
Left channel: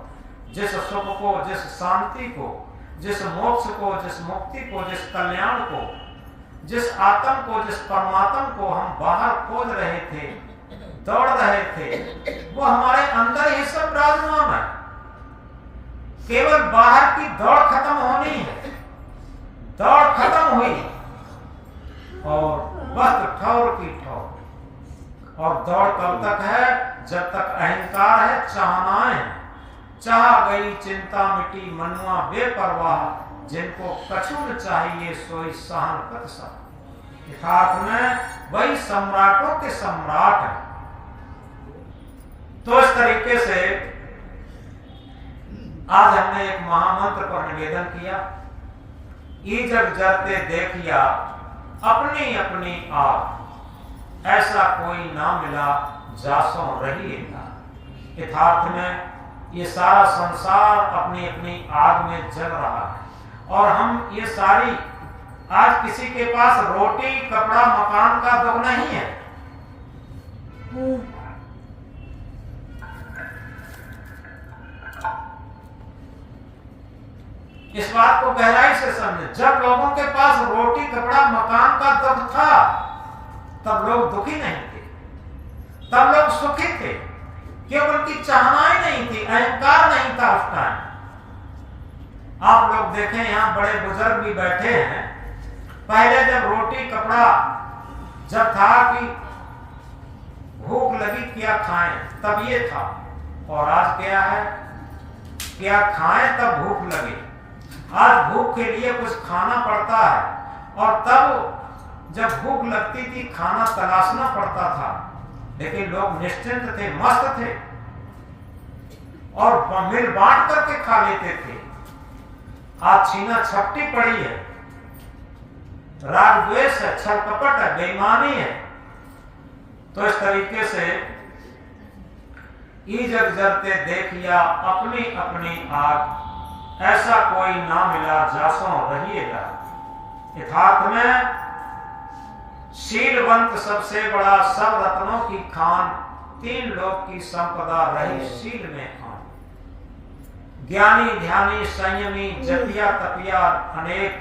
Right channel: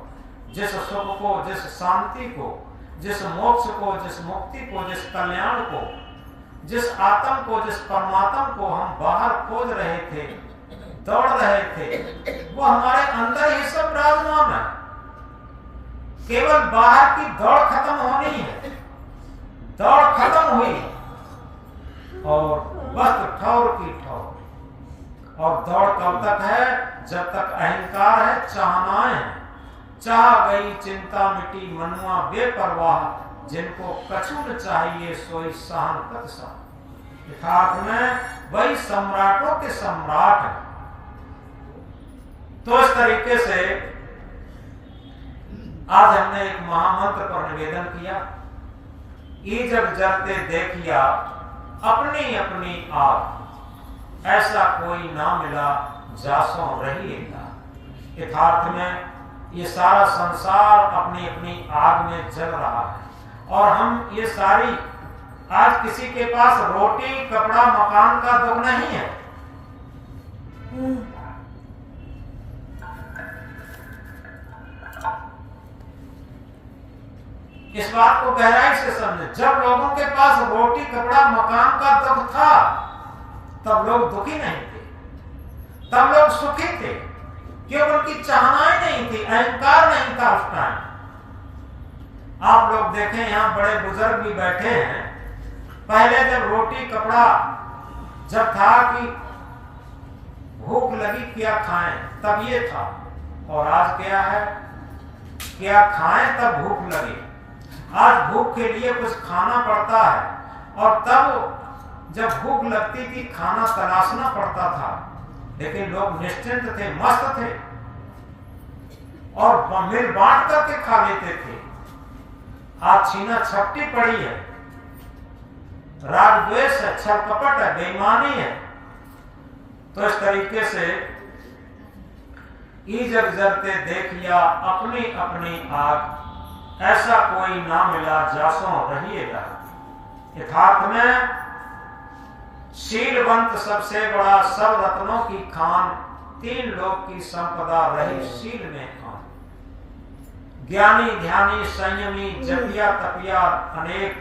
जिस सुख को, जिस शांति को, जिस मोक्ष को, जिस मुक्ति को, जिस कल्याण को, जिस आत्म को, जिस परमात्मा को हम बाहर खोज रहे थे, दौड़ रहे थे, वो हमारे अंदर ही सब विराजमान है। केवल बाहर की दौड़ खत्म होनी है। दौड़ खत्म हुई और वस्त्र ठौर की ठौर। और दौड़ कब तक है? जब तक अहंकार है, चाहनाएं हैं। चाह गई चिंता मिटी मनुआ बेपरवाह, जिनको कछु न चाहिए सोई सहन कत सा। यथार्थ में वही सम्राटों के सम्राट है। तो इस तरीके से आज हमने एक महामंत्र पर निवेदन किया। ई जग जरते देखिया अपनी अपनी आग, ऐसा कोई ना मिला जासों रहिएगा। यथार्थ में ये सारा संसार अपनी अपनी आग में जल रहा है, और हम ये सारी, आज किसी के पास रोटी कपड़ा मकान का दुख नहीं है। इस बात को गहराई से समझे। जब लोगों के पास रोटी कपड़ा मकान का दुख था, तब लोग दुखी नहीं थे, तब लोग सुखी थे, क्योंकि उनकी चाहनाएं नहीं थी, अहंकार नहीं था उस टाइम। आप लोग देखें, यहां बड़े बुजुर्ग भी बैठे हैं। पहले जब रोटी कपड़ा जब था कि भूख लगी क्या खाएं, तब ये था। और आज क्या है? क्या खाएं तब भूख लगे। आज भूख के लिए कुछ खाना पड़ता है, और तब जब भूख लगती थी खाना तलाशना पड़ता था। लेकिन लोग निश्चिंत थे, मस्त थे, और मिल बांट करके खा लेते थे। आज छीना छपटी पड़ी है, राग द्वेष है, छल कपट है, बेईमानी है। तो इस तरीके से ई जग जरते देखिया अपनी अपनी आग, ऐसा कोई ना मिला जासों रहिएगा। यथार्थ में शीलवंत सबसे बड़ा, सब रत्नों की खान, तीन लोक की संपदा रही शील में खान। ज्ञानी ध्यानी संयमी जपिया तपिया अनेक,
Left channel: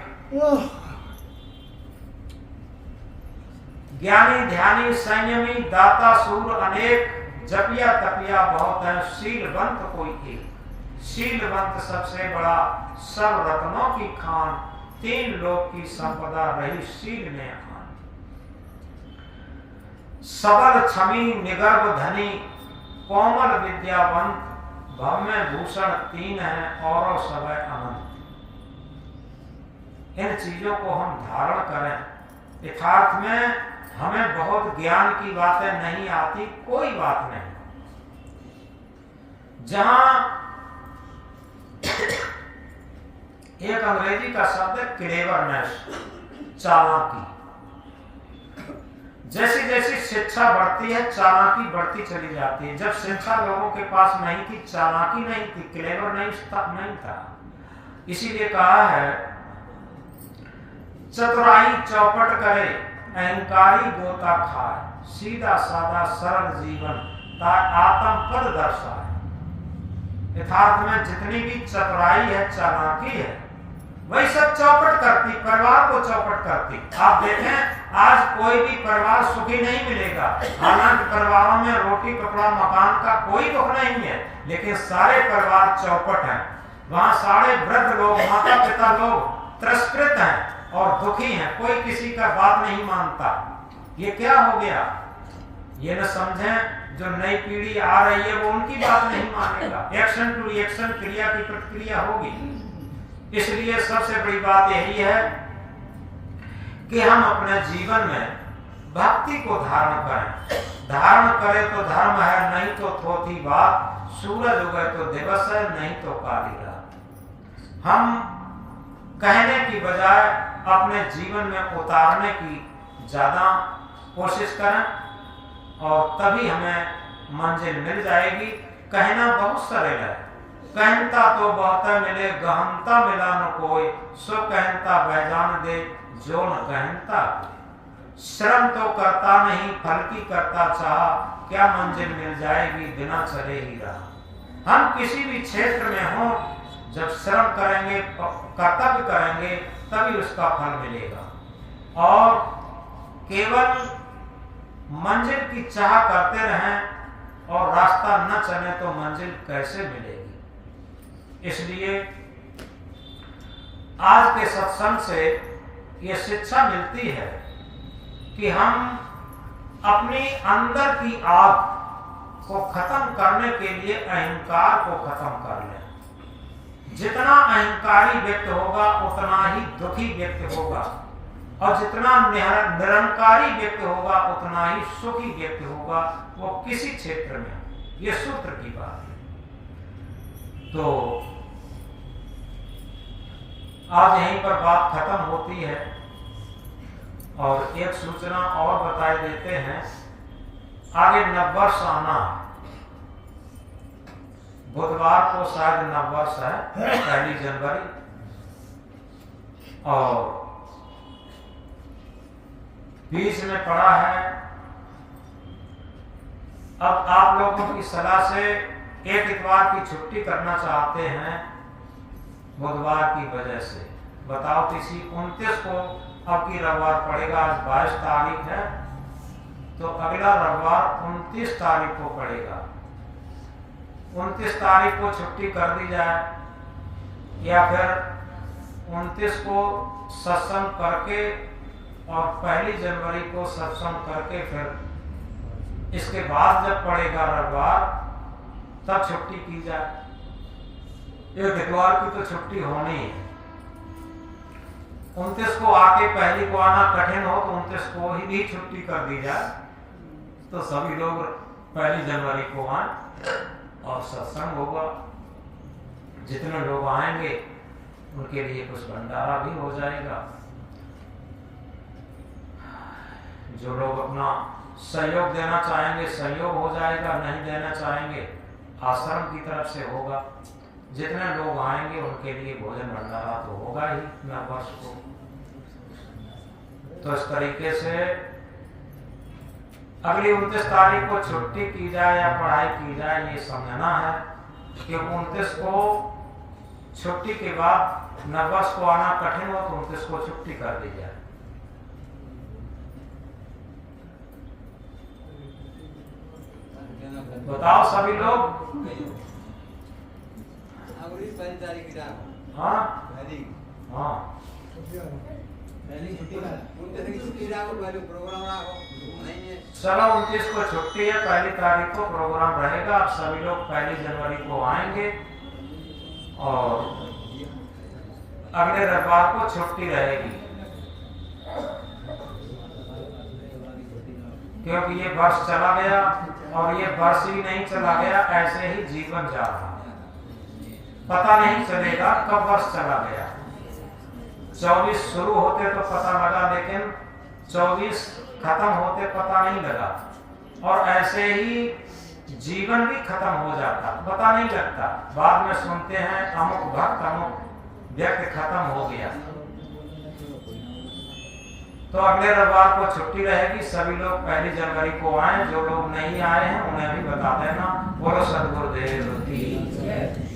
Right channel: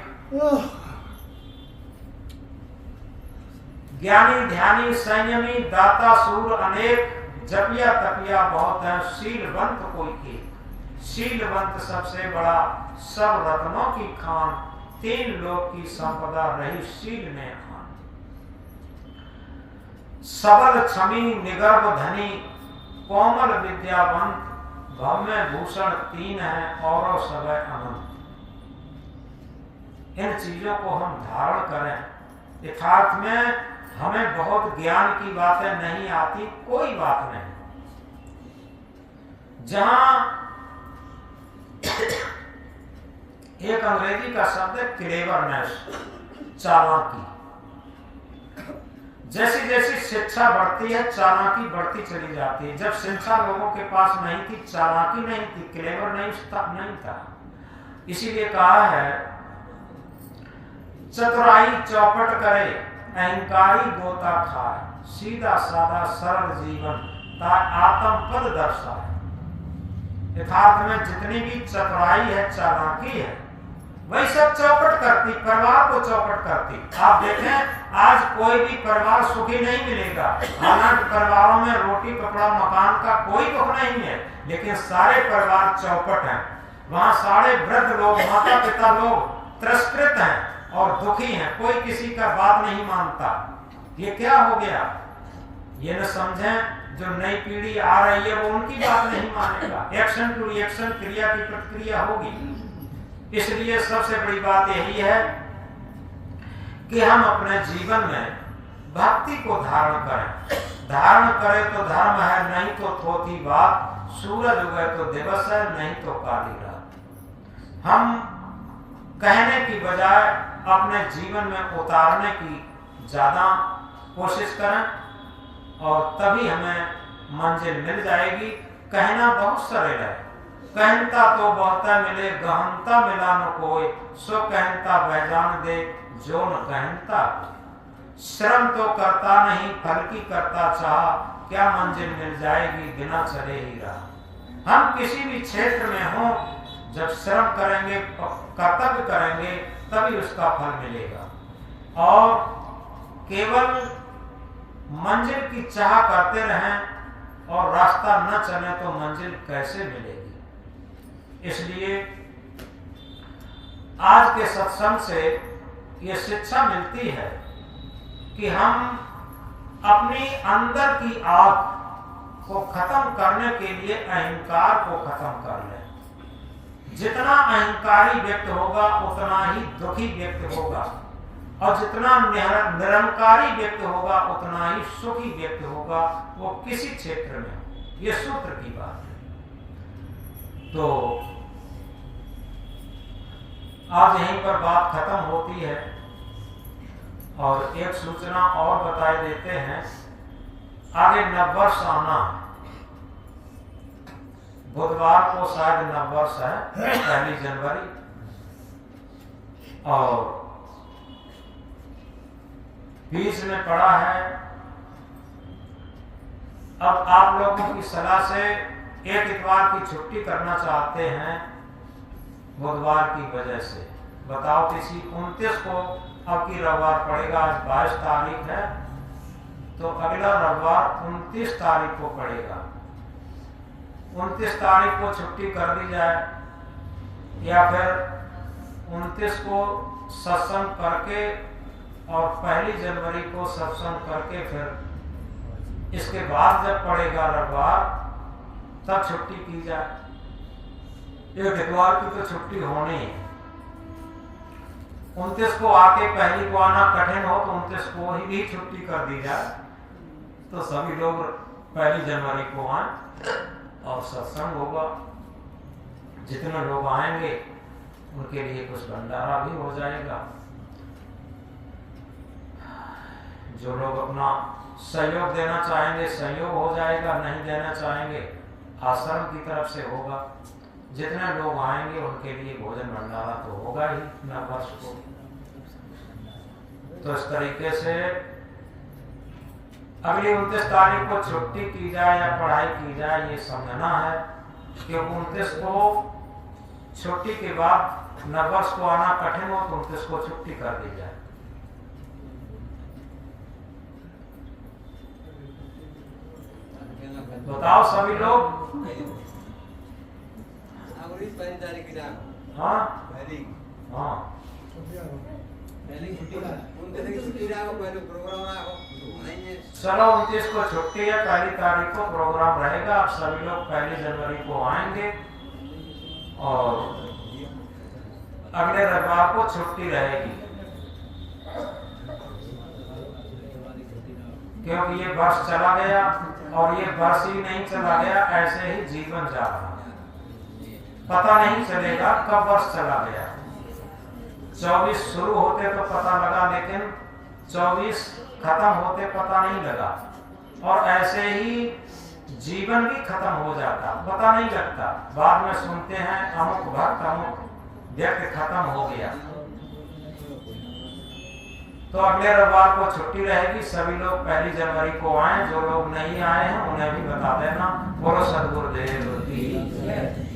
ज्ञानी ध्यानी संयमी दाता सूर अनेक, जपिया तपिया बहुत है शीलवंत कोई एक। शीलवंत सबसे बड़ा, सब रत्नों की खान, तीन लोक की संपदा रही शील में खान। सबल क्षमी निगर्भ धनी, कोमल विद्यावंत, भव्य भूषण तीन है और सब अनंत। इन चीजों को हम धारण करें। यथार्थ में हमें बहुत ज्ञान की बातें नहीं आती, कोई बात नहीं। जहां एक अंग्रेजी का शब्द है क्लेवरनेस, चालाकी। जैसी जैसी शिक्षा बढ़ती है, चालाकी बढ़ती चली जाती है। जब शिक्षा लोगों के पास नहीं थी, चालाकी नहीं थी, क्लेवर नहीं था। इसीलिए कहा है, चतुराई चौपट करे, अहंकारी गोता खाए। सीधा साधा सरल जीवन ता आत्म पद दर्शाए। यथार्थ में जितनी भी चतुराई है, चालाकी है, वही सब चौपट करती, परिवार को चौपट करती। आप देखें आज कोई भी परिवार सुखी नहीं मिलेगा। हालांकि परिवारों में रोटी कपड़ा मकान का कोई दुख नहीं है, लेकिन सारे परिवार चौपट हैं। वहां सारे वृद्ध लोग, माता पिता लोग तिरस्कृत हैं और दुखी हैं, कोई किसी का बात नहीं मानता। ये क्या हो गया? ये न समझें जो नई पीढ़ी आ रही है वो उनकी बात नहीं मानेगा। एक्शन टू रिएक्शन, क्रिया की प्रतिक्रिया होगी। इसलिए सबसे बड़ी बात यही है कि हम अपने जीवन में भक्ति को धारण करें। धारण करें तो धर्म है, नहीं तो थोथी बात। सूरज उगे तो दिवस है, नहीं तो काली रात। हम कहने की बजाय अपने जीवन में उतारने की ज्यादा कोशिश करें और तभी हमें मंजिल मिल जाएगी। कहना बहुत सरल है, कहता तो बहुत मिले, गहनता मिला न कोई, सो कहता वह जान दे जो न कहता। श्रम तो करता नहीं, फल की करता चाह, क्या मंजिल मिल जाएगी बिना चले ही रहा। हम किसी भी क्षेत्र में हो, जब श्रम करेंगे, कर्तव्य करेंगे, तभी उसका फल मिलेगा। और केवल मंजिल की चाह करते रहें और रास्ता न चले तो मंजिल कैसे मिलेगी। इसलिए आज के सत्संग से ये शिक्षा मिलती है कि हम अपनी अंदर की आग को खत्म करने के लिए अहंकार को खत्म कर लें। जितना अहंकारी व्यक्ति होगा उतना ही दुखी व्यक्ति होगा, और जितना निरंकारी व्यक्ति होगा उतना ही सुखी व्यक्ति होगा, वो किसी क्षेत्र में। ये सूत्र की बात है। तो आज यहीं पर बात खत्म होती है और एक सूचना और बताए देते हैं। आगे नववर्ष आना है, बुधवार को शायद नववर्ष है, 1 जनवरी। और बीच में पड़ा है। अब आप लोगों की सलाह से एक इतवार की छुट्टी करना चाहते हैं बुधवार की वजह से। बताओ किसी 29 को अब की रविवार पड़ेगा। आज 22 तारीख है, तो अगला रविवार 29 तारीख को पड़ेगा। 29 तारीख को छुट्टी कर दी जाए, या फिर 29 को सत्संग करके और 1 जनवरी को सत्संग करके फिर इसके बाद जब पड़ेगा रविवार तब छुट्टी की जाए। एक इतवार की तो छुट्टी होनी है। 29 को आके 1 को आना कठिन हो तो 29 को ही छुट्टी कर दी जाए, तो सभी लोग 1 जनवरी को आए और सत्संग होगा। जितने लोग आएंगे उनके लिए कुछ भंडारा भी हो जाएगा। जो लोग अपना सहयोग देना चाहेंगे सहयोग हो जाएगा, नहीं देना चाहेंगे आश्रम की तरफ से होगा। जितने लोग आएंगे उनके लिए भोजन भंडारा तो होगा ही नववर्ष को। तो इस तरीके से अगली 29 तारीख को छुट्टी की जाए या पढ़ाई की जाए, ये समझना है कि 29 को छुट्टी के बाद नववर्ष को आना कठिन हो तो 29 को छुट्टी कर दी जाए। बताओ सभी लोग। हाँ हाँ, चलो 29 को छुट्टी है, 1 तारीख को प्रोग्राम रहेगा। आप सभी लोग 1 जनवरी को आएंगे और अगले रविवार को छुट्टी रहेगी, क्योंकि ये वर्ष चला गया और ये वर्ष ही नहीं चला गया, ऐसे ही जीवन जा रहा है। पता नहीं चलेगा कब वर्ष चला गया। 24 शुरू होते तो पता लगा, लेकिन 24 खत्म होते पता नहीं लगा। और ऐसे ही जीवन भी खत्म हो जाता, पता नहीं लगता। बाद में सुनते हैं अमुक भक्त अमुक व्यक्ति खत्म हो गया। तो अगले रविवार को छुट्टी रहेगी, सभी लोग 1 जनवरी को आए, जो लोग नहीं आए हैं उन्हें भी बता देना। बोलो सदगुरुदेव की जय।